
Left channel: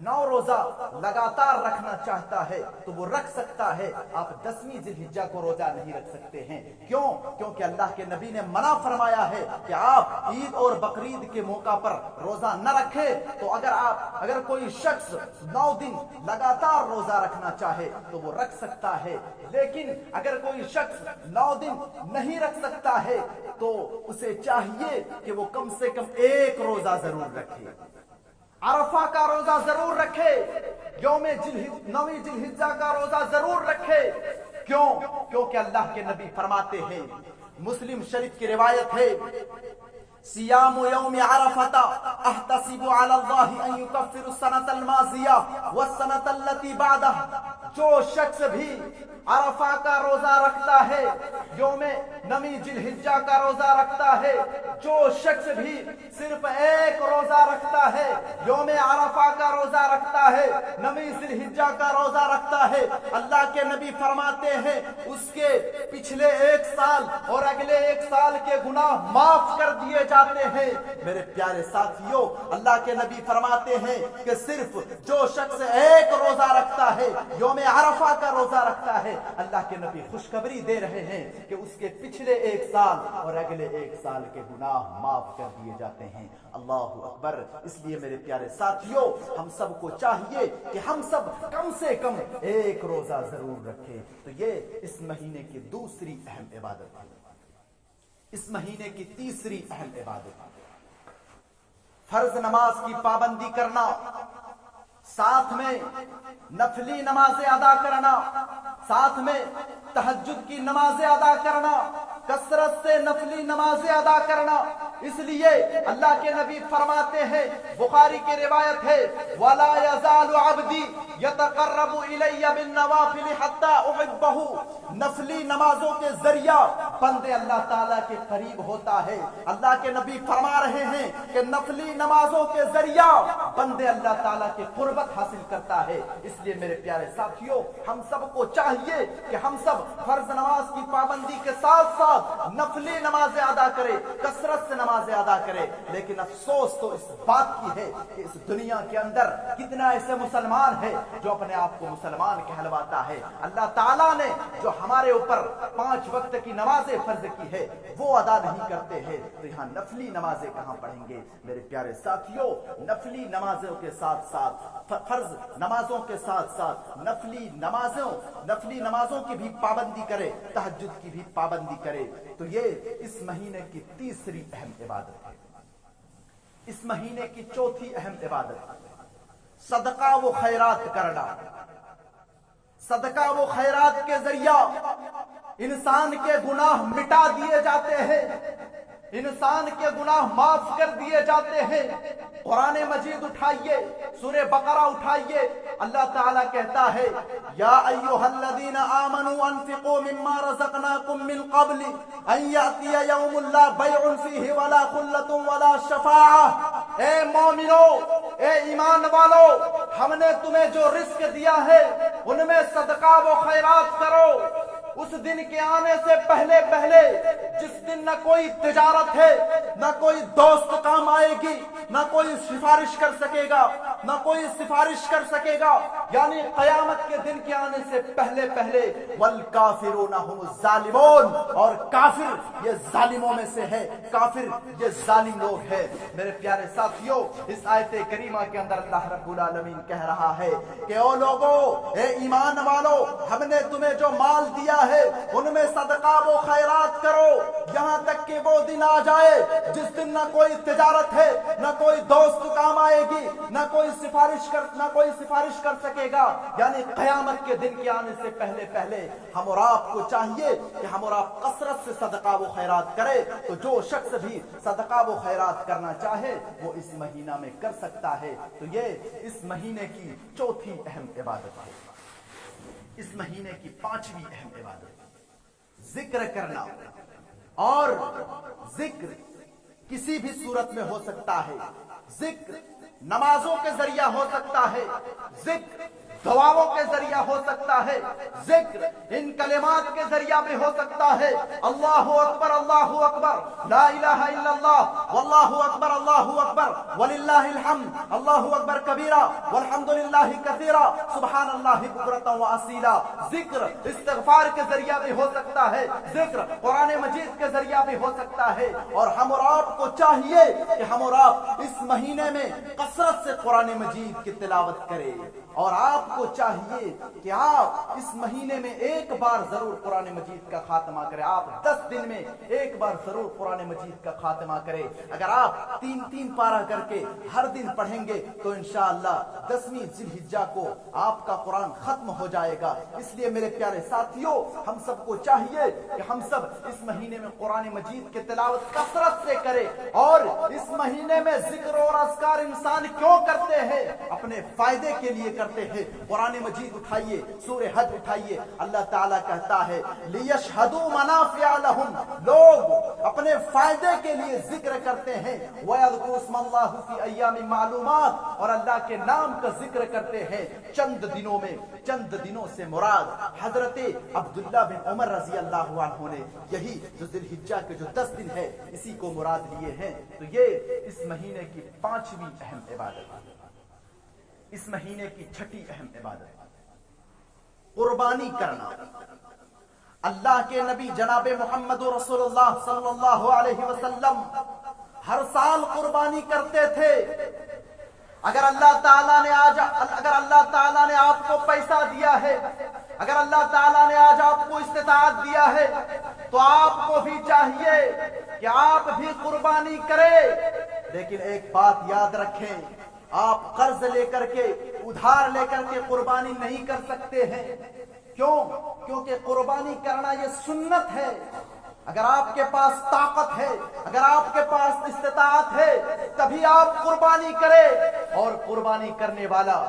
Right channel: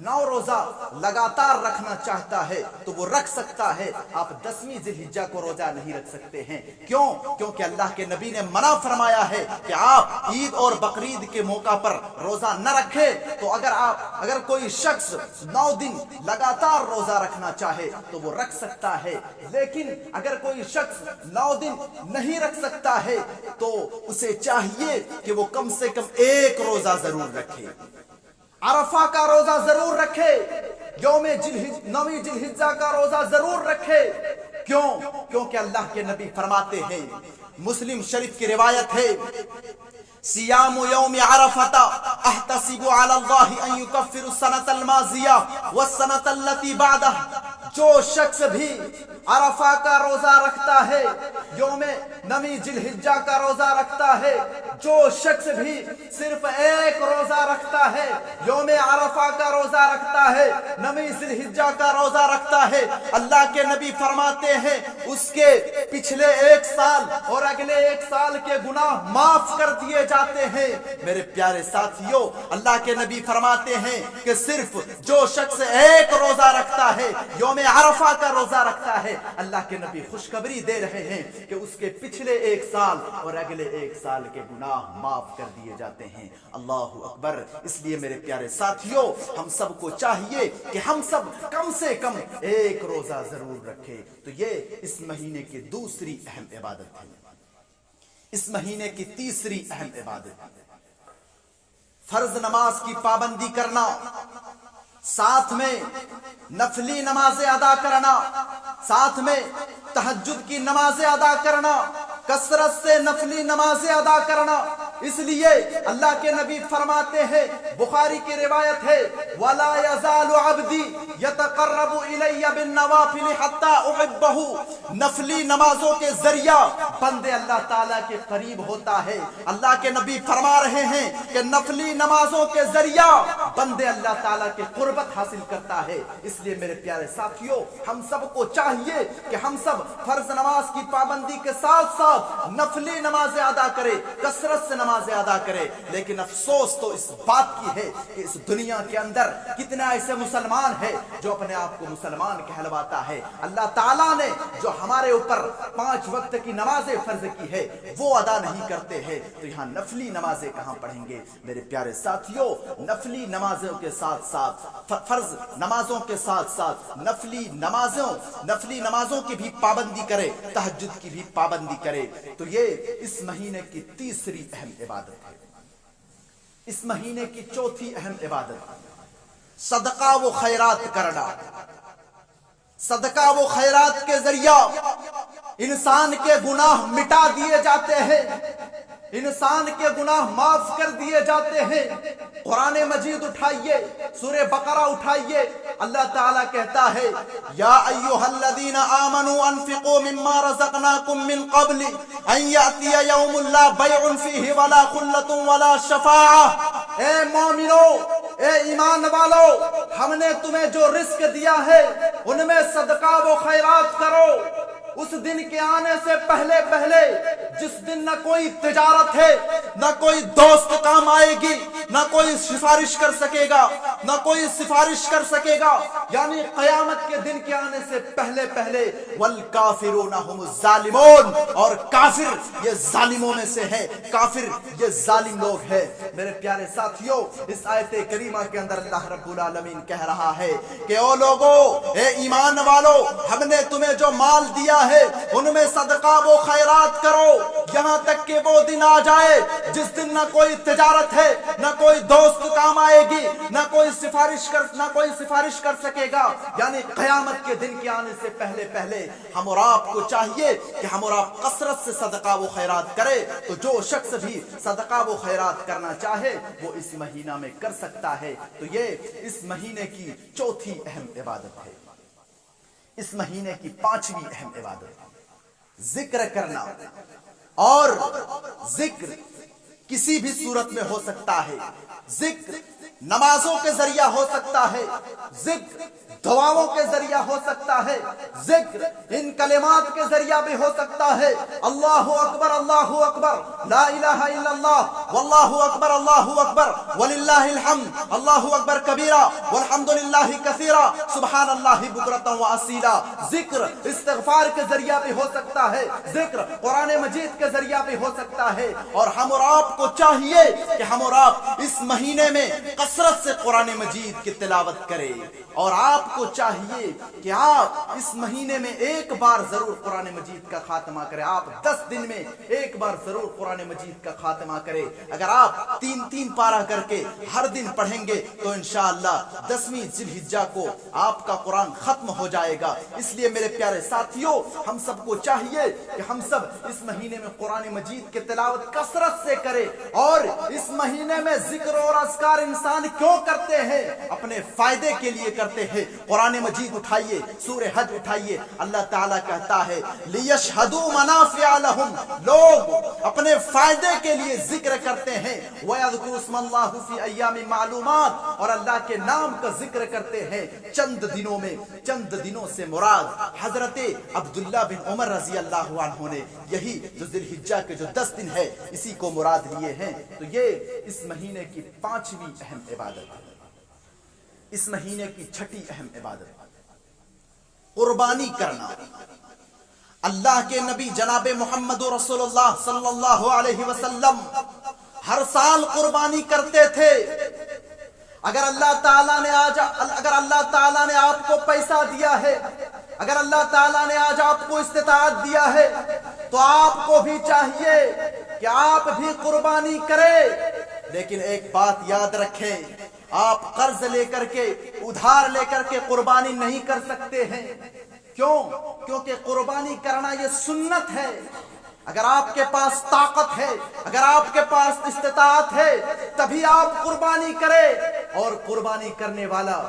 9 روزہ لگاتار رکھنا چاہتا ہے تو وہ رکھ سکتا ہے۔ آپ 10ویں ذی الحجہ کو روزہ نہیں رکھ سکتے ہیں۔ کیوں؟ کیونکہ اللہ کے نبی نے منع فرمایا ہے کہ آپ عید اور بقرعید کے موقع پر روزہ نہ رکھیں۔ تو اگر کوئی شخص 9 دن لگاتار روزہ رکھنا چاہے تو وہ رکھ سکتا ہے، لیکن اگر کوئی شخص 9 دن نہیں رکھ سکتا ہے تو اسے چاہیے کہ وہ کم سے کم ایک روزہ ضرور رکھے۔ عرفہ کا روزہ ضرور رکھے، 9ویں ذی الحجہ کا روزہ ضرور رکھے۔ کیوں؟ کیونکہ اللہ کے نبی فرماتے ہیں، مسلم شریف کی روایت ہے، سیام یوم عرفۃ احتسب علی اللہ ان یکفر السنۃ الماضیہ والسنۃ التی بعدہ، جو شخص بھی عرفہ کا روزہ رکھتا ہے، 9ویں ذی الحجہ کا روزہ رکھتا ہے، جو شخص بھی صرف ایک روزہ رکھتا ہے، یوم عرفہ کا روزہ رکھتا ہے، 9ویں ذی الحجہ کا روزہ رکھتا ہے، اللہ کے نبی فرماتے ہیں اس کے پچھلے 1 سال اور اگلے 1 سال کے گناہ معاف کر دیے جاتے ہیں۔ میرے پیارے ساتھیوں، اللہ کے نبی فرماتے ہیں کہ صرف جو شخص ایک روزہ رکھتا ہے، یوم عرفہ کا روزہ رکھتا ہے، اللہ کے نبی خوشخبری دے رہے ہیں کہ اس کے پچھلے 1 سال اور اگلے 1 سال کے گناہ معاف کر دیے جاتے ہیں۔ اللہ اکبر۔ اس لیے میرے پیارے ساتھیوں، ہم سب کو چاہیے کہ ہم سب کم سے کم ایک روزہ ضرور رکھیں۔ تو یہ اس مہینے کی دوسری اہم عبادت ہے۔ اس مہینے کی تیسری اہم عبادت ہے فرض نماز کی پابندی کرنا، ساتھ میں نفلی نمازیں ادا کرنا، ساتھ میں تہجد کی نمازیں ادا کرنا، کثرت سے نفلی نمازیں ادا کرنا۔ اس لیے اللہ کے نبی فرماتے ہیں، بخاری کی روایت ہے، وَلَا يَزَالُ عَبْدِي يَتَقَرَّبُ إِلَيَّ بِالنَّوَافِلِ حَتَّى أُحِبَّهُ۔ نفلی نمازوں کے ذریعہ بندے اللہ تعالیٰ کے قریب ہوتا ہے۔ اللہ کے نبی فرما رہے ہیں کہ نفلی نمازوں کے ذریعہ بندے اللہ تعالیٰ کے قربت حاصل کرتا ہے۔ اس لیے میرے پیارے ساتھیوں، ہم سب کو چاہیے کہ ہم سب فرض نماز کی پابندی کے ساتھ ساتھ نفلی نمازیں ادا کریں، کثرت سے نمازیں ادا کریں۔ لیکن افسوس تو اس بات کی ہے کہ اس دنیا کے اندر کتنے ایسے مسلمان ہیں جو اپنے آپ کو مسلمان کہلواتا ہے۔ اللہ تعالیٰ نے جو ہمارے اوپر 5 وقت کی نمازیں فرض کی ہے وہ ادا نہیں کرتے ہیں، تو یہاں نفلی نمازیں کہاں پڑھیں گے؟ میرے پیارے ساتھیوں، نفلی نمازوں کے ساتھ ساتھ، فرض نمازوں کے ساتھ ساتھ نفلی نمازوں کی بھی پابندی کرے، تہجد کی بھی پابندی کرے۔ تو یہ اس مہینے کی تیسری اہم عبادت ہے۔ اس مہینے کی چوتھی اہم عبادت صدقہ و خیرات کرنا۔ صدقہ و خیرات کے ذریعہ انسان کے گناہ مٹا دیے جاتے ہیں، انسان کے گناہ معاف کر دیے جاتے ہیں۔ قرآن مجید اٹھائیے، سورہ بقرہ اٹھائیے، اللہ تعالیٰ کہتا ہے یا ایھا الذین آمنوا انفقوا مما رزقناکم من قبل ان یأتی یوم لا بیع فیہ ولا خلۃ ولا شفاعہ۔ اے مومنو، اے ایمان والو، ہم نے تمہیں جو رزق دیا ہے ان میں صدقہ و خیرات کرو اس دن کے آنے سے پہلے پہلے، جس دن نہ کوئی تجارت ہے، نہ کوئی دوست کام آئے گی، نہ کوئی سفارش کر سکے گا، نہ کوئی سفارش کر سکے گا، یعنی قیامت کے دن کے آنے سے پہلے پہلے۔ والکافرون هم الظالمون، اور کافر یہ ظالموں میں سے ہے، کافر یہ ظالم لوگ ہیں۔ میرے پیارے ساتھیوں، اس آیت کریمہ کے اندر اللہ رب العالمین کہہ رہا ہے کہ او لوگو، اے ایمان والو، ہم نے تمہیں جو مال دیا ہے ان میں صدقہ و خیرات کرو، یہاں تک کہ وہ دن آ جائے جس دن نہ کوئی تجارت ہے، نہ کوئی دوست کام آئے گی، نہ کوئی سفارش کر سکے گا، یعنی قیامت کے دن کے آنے سے پہلے پہلے ہم اور آپ کو چاہیے کہ ہم اور آپ کثرت سے صدقہ و خیرات کرے۔ تو جو شخص بھی صدقہ و خیرات کرنا چاہے وہ اس مہینہ میں کر سکتا ہے۔ تو یہ اس مہینے کی چوتھی اہم عبادت ہے۔ اس مہینے کی پانچویں اہم عبادت ذکر کرنا، اور ذکر کسی بھی صورت میں ہو سکتا ہے۔ ذکر نمازوں کے ذریعہ ہو سکتا ہے، ذکر دعاؤں کے ذریعہ ہو سکتا ہے، ذکر ان کلمات کے ذریعہ بھی ہو سکتا ہے۔ اللہ اکبر، اللہ اکبر، لا الہ الا اللہ، واللہ اکبر، اللہ اکبر، وللہ الحمد، اللہ اکبر کبیرہ، والحمد للہ کثیرہ، سبحان اللہ بکرۃ و اصیلا۔ ذکر استغفار کے ذریعہ بھی ہو سکتا ہے، ذکر قرآن مجید کے ذریعہ بھی ہو سکتا ہے۔ اور ہم اور آپ کو چاہیے کہ ہم اور آپ اس مہینے میں کثرت سے قرآن مجید کی تلاوت کریں، اور آپ کو چاہیے کہ آپ اس مہینے میں ایک بار ضرور قرآن مجید کا خاتمہ کریں۔ آپ 10 دن میں ایک بار ضرور قرآن مجید کا خاتمہ کریں۔ اگر آپ 3 پارہ کر کے ہر دن پڑھیں گے تو انشاءاللہ 10ویں ذی الحجہ کو آپ کا قرآن ختم ہو جائے گا۔ اس لیے میرے پیارے ساتھیوں، ہم سب کو چاہیے کہ ہم سب اس مہینے میں قرآن مجید کی تلاوت کثرت سے کریں۔ اور اس مہینے میں ذکر اور اذکار انسان کیوں کرتے ہیں؟ اپنے فائدے کے لیے کرتے ہیں۔ قرآن مجید اٹھائیے، سورہ حج اٹھائیے، اللہ تعالیٰ کہتا ہے لِيَشْهَدُوا مَنَافِعَ لَهُمْ، لوگ اپنے فائدے کے لیے ذکر کرتے ہیں۔ وَيَذْكُرُوا اسْمَ اللَّهِ فِي أَيَّامٍ مَّعْلُومَاتٍ، اور اللہ کے نام کا ذکر کرتے ہیں چند دنوں میں۔ چند دنوں سے مراد حضرت عبداللہ بن عمر رضی اللہ عنہ نے یہی جو ذی الحجہ کے جو 10 دن ہے اسی کو مراد لیے ہیں۔ تو یہ اس مہینے کی 5ویں اہم عبادت ہے۔ اس مہینے کی 6ٹھی اہم عبادت قربانی کرنا۔ اللہ کے نبی جناب محمد رسول اللہ صلی اللہ علیہ وسلم ہر سال قربانی کرتے تھے۔ اگر اللہ تعالیٰ نے آپ کو پیسہ دیا ہے، اگر اللہ تعالیٰ نے آج آپ کو استطاعت دیا ہے تو آپ کو بھی چاہیے کہ آپ بھی قربانی کریں۔ لیکن ایک بات یاد رکھیں، آپ قرض لے کر کے، ادھار لے کر کے قربانی نہیں کر سکتے ہیں۔ کیوں؟ کیونکہ قربانی کرنا یہ سنت ہے۔ اگر آپ کے پاس طاقت ہے، اگر آپ کے پاس استطاعت ہے تبھی آپ قربانی کریں۔ اور قربانی کرنے والا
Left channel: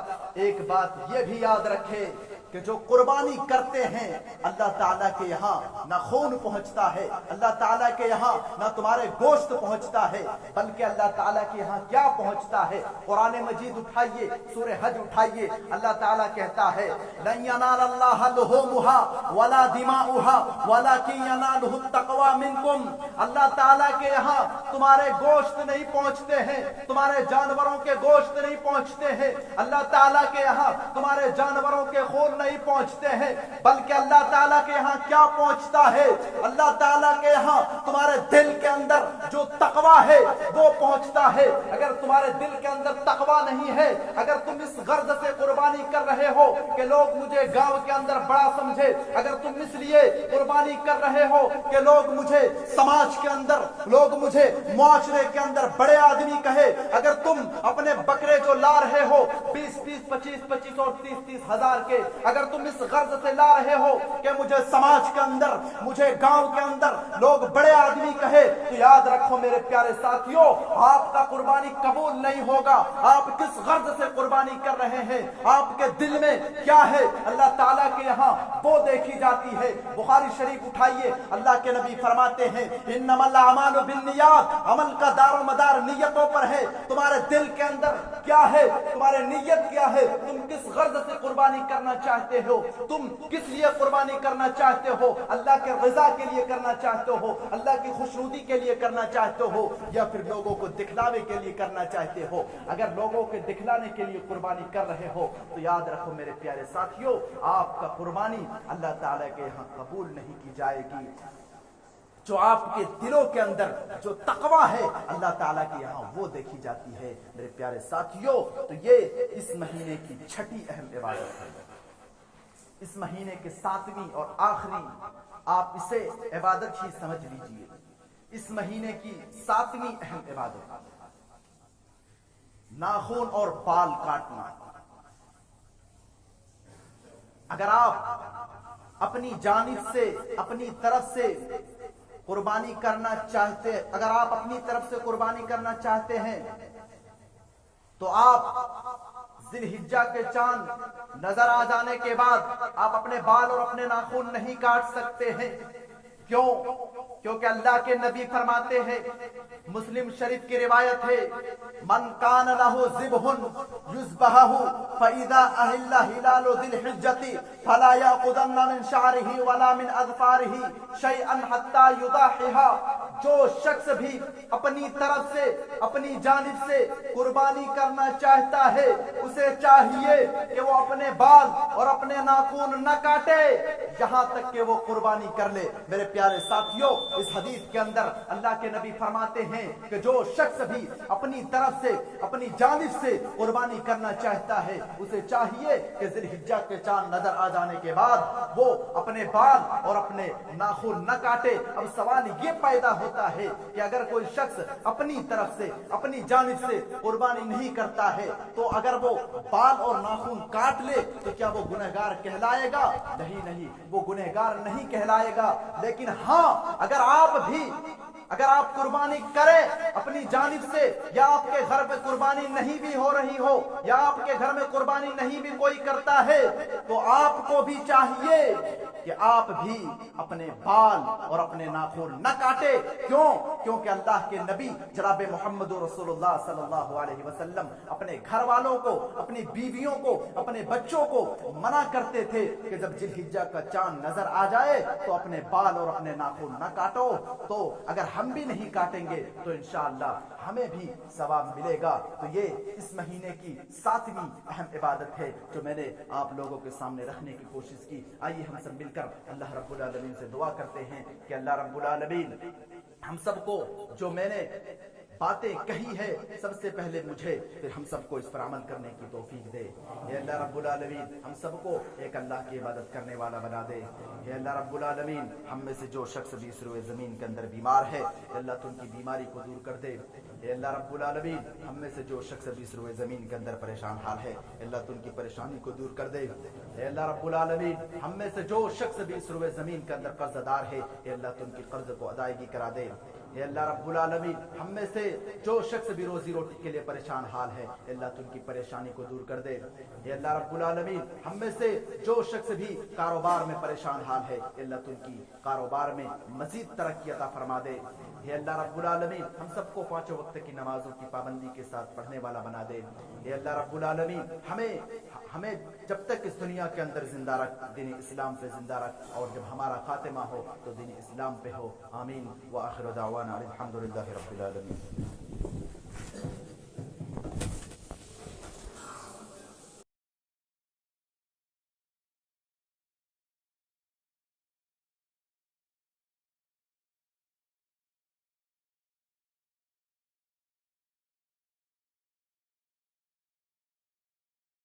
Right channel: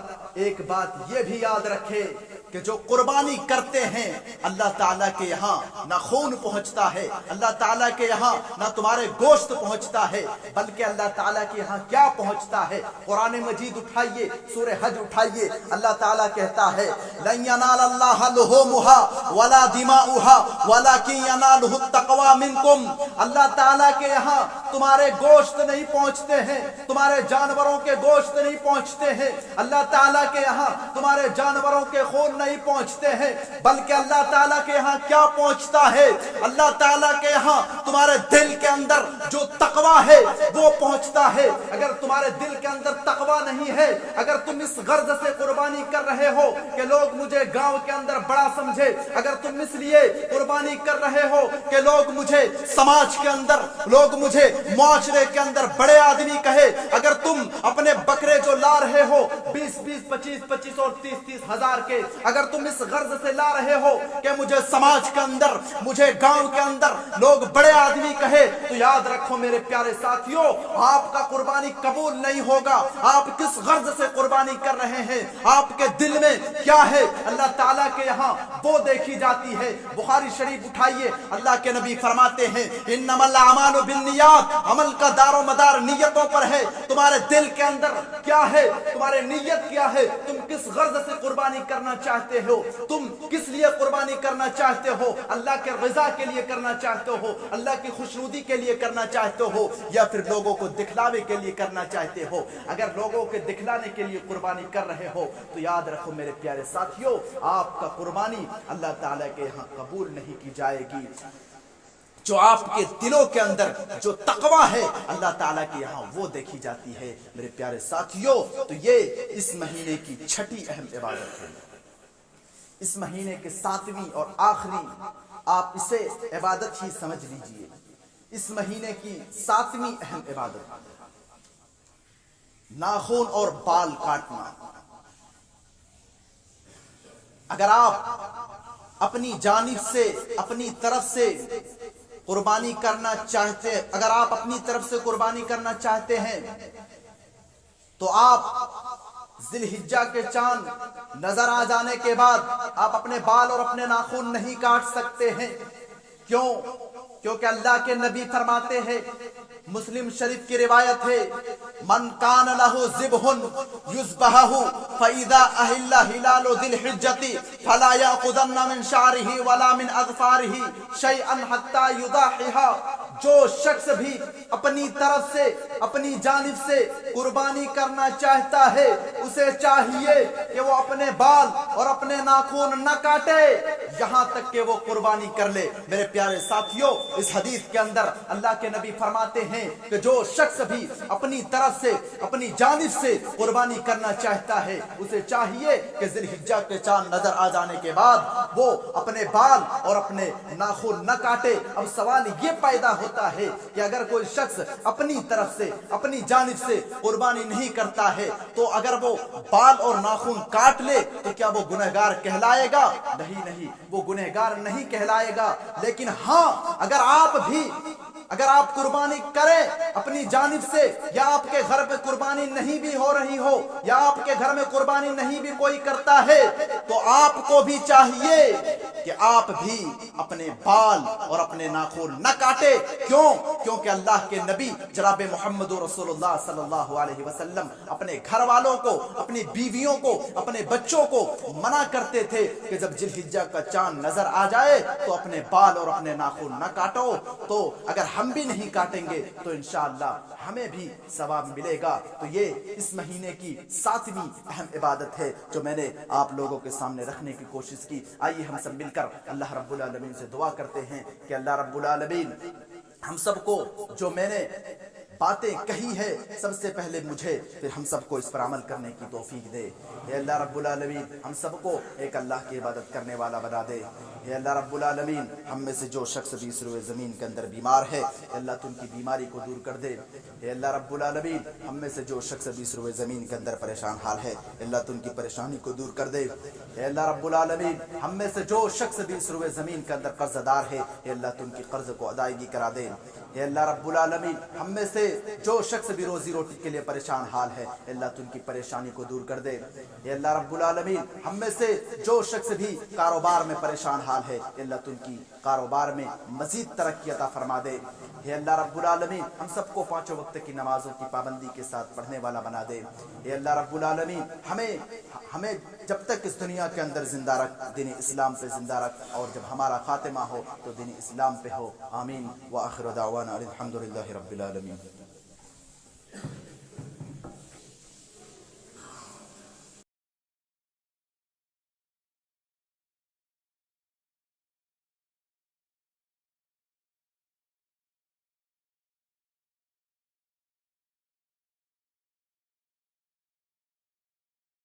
ایک بات یہ بھی یاد رکھے کہ جو قربانی کرتے ہیں اللہ تعالیٰ کے یہاں نہ خون پہنچتا ہے، اللہ تعالیٰ کے یہاں نہ تمہارے گوشت پہنچتا ہے، بلکہ اللہ تعالیٰ کے یہاں کیا پہنچتا ہے؟ قرآن مجید اٹھائیے، سورہ حج اٹھائیے، اللہ تعالیٰ کہتا ہے لَن يَنَالَ اللَّهَ لُحُومُهَا وَلَا دِمَاؤُهَا وَلَكِن يَنَالُهُ التَّقْوَىٰ مِنكُمْ۔ اللہ تعالیٰ کے یہاں تمہارے گوشت نہیں پہنچتے ہیں، تمہارے جانوروں کے گوشت نہیں پہنچتے ہیں، اللہ تعالیٰ کے یہاں تمہارے جانوروں کے خون نہیں پہنچتے ہیں، بلکہ اللہ تعالیٰ کے یہاں کیا پہنچتا ہے؟ اللہ تعالیٰ کے یہاں تمہارے دل کے اندر جو تقویٰ ہے وہ پہنچتا ہے۔ اگر تمہارے دل کے اندر تقویٰ نہیں ہے، اگر تم اس غرض سے قربانی قربانی کر رہے ہو کہ لوگ مجھے گاؤں کے اندر بڑا سمجھے، اگر تم اس لیے قربانی کر رہے ہو کہ لوگ مجھے سماج کے اندر، لوگ مجھے معاشرے کے اندر بڑے آدمی کہے، اگر تم اپنے بکرے جو لا رہے ہو 20 25 اور 30 ہزار کے، اگر تم اس غرض سے لا رہے ہو کہ مجھے سماج کے اندر، مجھے گاؤں کے اندر لوگ بڑے آدمی کہے، تو یاد رکھو میرے پیارے ساتھیوں، آپ کا قربانی قبول نہیں ہوگا۔ آپ کس غرض سے قربانی کر رہے ہیں، آپ کے دل میں کیا ہے، اللہ تعالیٰ کے یہاں وہ دیکھی جاتی ہے۔ بخاری شریف اٹھائیے، اللہ کے نبی فرماتے ہیں انما الاعمال بالنیات، عمل کا دار و مدار نیتوں پر ہے۔ تمہارے دل کے اندر کیا ہے، تمہارے نیت کیا ہے، تم کس غرض سے قربانی کرنا چاہتے ہو، تم کس لیے قربانی کرنا چاہتے ہو، اللہ کے رضا کے لیے کرنا چاہتے ہو، اللہ کی خوشنودی کے لیے کرنا چاہتے ہو، یا پھر لوگوں کو دکھلاوے کے لیے کرنا چاہتے ہو۔ اگر لوگوں کے دکھلانے کے لیے قربانی کر رہے ہو تو یاد رکھو میرے پیارے ساتھیوں، آپ کا قربانی اللہ تعالیٰ کے یہاں قبول نہیں کی جائے گی۔ جو آپ کے دلوں کے اندر جو تقوی ہے اللہ تعالیٰ کے یہاں وہ دیکھی جاتی ہے۔ میرے پیارے ساتھیوں، تو یہ اس مہینے کی چھٹی اہم عبادت ہے، اس مہینے کے 7ویں اور آخری، آپ اسے عبادت ہی سمجھ لیجئے، اس مہینے کی 7ویں اہم عبادت ناخن اور بال کاٹنا۔ اگر آپ اپنی جانب سے، اپنی طرف سے قربانی کرنا چاہتے، اگر آپ اپنی طرف سے قربانی کرنا چاہتے ہیں تو آپ ذی الحجہ کے چاند نظر آ جانے کے بعد آپ اپنے بال اور اپنے ناخن نہیں کاٹ سکتے ہیں۔ کیوں؟ کیونکہ اللہ کے نبی فرماتے ہیں، مسلم شریف کی روایت ہے، من کان لہ ذبح یذبحہ فاذا احل ہلال ذی الحجہ فلا یاخذن من شعرہ ولا من اظفارہ شیئا حتی یضاحیہ۔ جو شخص بھی اپنی طرف سے، اپنی جانب سے قربانی کرنا چاہتا ہے، اسے چاہیے کہ وہ اپنے بال اور اپنے ناخن نہ کاٹے یہاں تک کہ وہ قربانی کر لے۔ میرے پیارے ساتھیوں، اس حدیث کے اندر اللہ کے نبی فرماتے ہیں کہ جو شخص بھی اپنی طرف سے، اپنی جانب سے قربانی کرنا چاہتا ہے، اسے چاہیے کہ ذی الحجہ کے چاند نظر آ جانے کے بعد وہ اپنے بال اور اپنے ناخن نہ کاٹے۔ اب سوال یہ پیدا ہوتا ہے کہ اگر کوئی شخص اپنی طرف سے، اپنی جانب سے قربانی نہیں کرتا ہے تو اگر وہ بال اور ناخن کاٹ لے تو کیا وہ گنہگار کہلائے گا؟ نہیں، وہ گنہگار نہیں کہلائے گا۔ لیکن ہاں، اگر آپ قربانی کریں اپنی جانب سے، یا آپ کے گھر پہ قربانی نہیں بھی ہو رہی ہو، یا آپ کے گھر میں قربانی نہیں بھی کوئی کرتا ہے، تو آپ کو بھی چاہیے کہ آپ بھی اپنے بال اور اپنے ناخن نہ کاٹے۔ کیوں؟ کیونکہ اللہ کے نبی جناب محمد رسول اللہ صلی اللہ علیہ وسلم اپنے گھر والوں کو، اپنی بیویوں کو، اپنے بچوں کو منع کرتے تھے کہ جب ذی الحجہ کا چاند نظر آ جائے تو اپنے بال اور اپنے ناخن نہ کاٹو۔ تو اگر ہم بھی نہیں کاٹیں گے تو انشاءاللہ ہمیں بھی ثواب ملے گا۔ تو یہ اس مہینے کی 7ویں اہم عبادت ہے جو میں نے آپ لوگوں کے سامنے رکھنے کی کوشش کی۔ آئیے ہم سب مل کر اللہ رب العالمین سے دعا کرتے ہیں کہ اللہ رب العالمین ہم سب کو جو میں نے باتیں کہی ہے، سب سے پہلے مجھے، پھر ہم سب کو اس پر عمل کرنے کی توفیق دے۔ اے اللہ رب العالمین ہم سب کو ایک اللہ کی عبادت کرنے والا بنا دے۔ اے اللہ رب العالمین ہم میں سے جو شخص بھی اس روئے زمین کے اندر بیمار ہے، اے اللہ تو ان کی بیماری کو دور کر دے۔ اے اللہ رب العالمین ہم میں سے جو شخص بھی اس روئے زمین کے اندر پریشان حال ہے، اے اللہ تو ان کی پریشانی کو دور کر دے۔ اے اللہ رب العالمین ہم میں سے جو شخص بھی اس روئے زمین کے اندر قرض دار ہے، اے اللہ تو ان کی قرض کو ادائیگی کرا دے۔ اے اللہ رب العالمین ہم میں سے جو شخص بھی روزی روٹی کے لیے پریشان حال ہے، اے اللہ تو ان کی پریشانی کو دور کر دے۔ اے اللہ رب العالمین ہم میں سے جو شخص بھی کاروبار میں پریشان حال ہے، اے اللہ تو ان کی کاروبار میں مزید ترقی عطا فرما دے۔ اے اللہ رب العالمین ہم سب کو 5 وقت کی نمازوں کی پابندی کے ساتھ پڑھنے والا بنا دے۔ اے اللہ رب العالمین ہمیں جب تک اس دنیا کے اندر زندہ رکھ، دین اسلام پہ زندہ رکھ، اور جب ہمارا خاتمہ ہو تو دین اسلام پہ ہو۔ آمین وآخر دعوانا الحمدللہ رب العالمین۔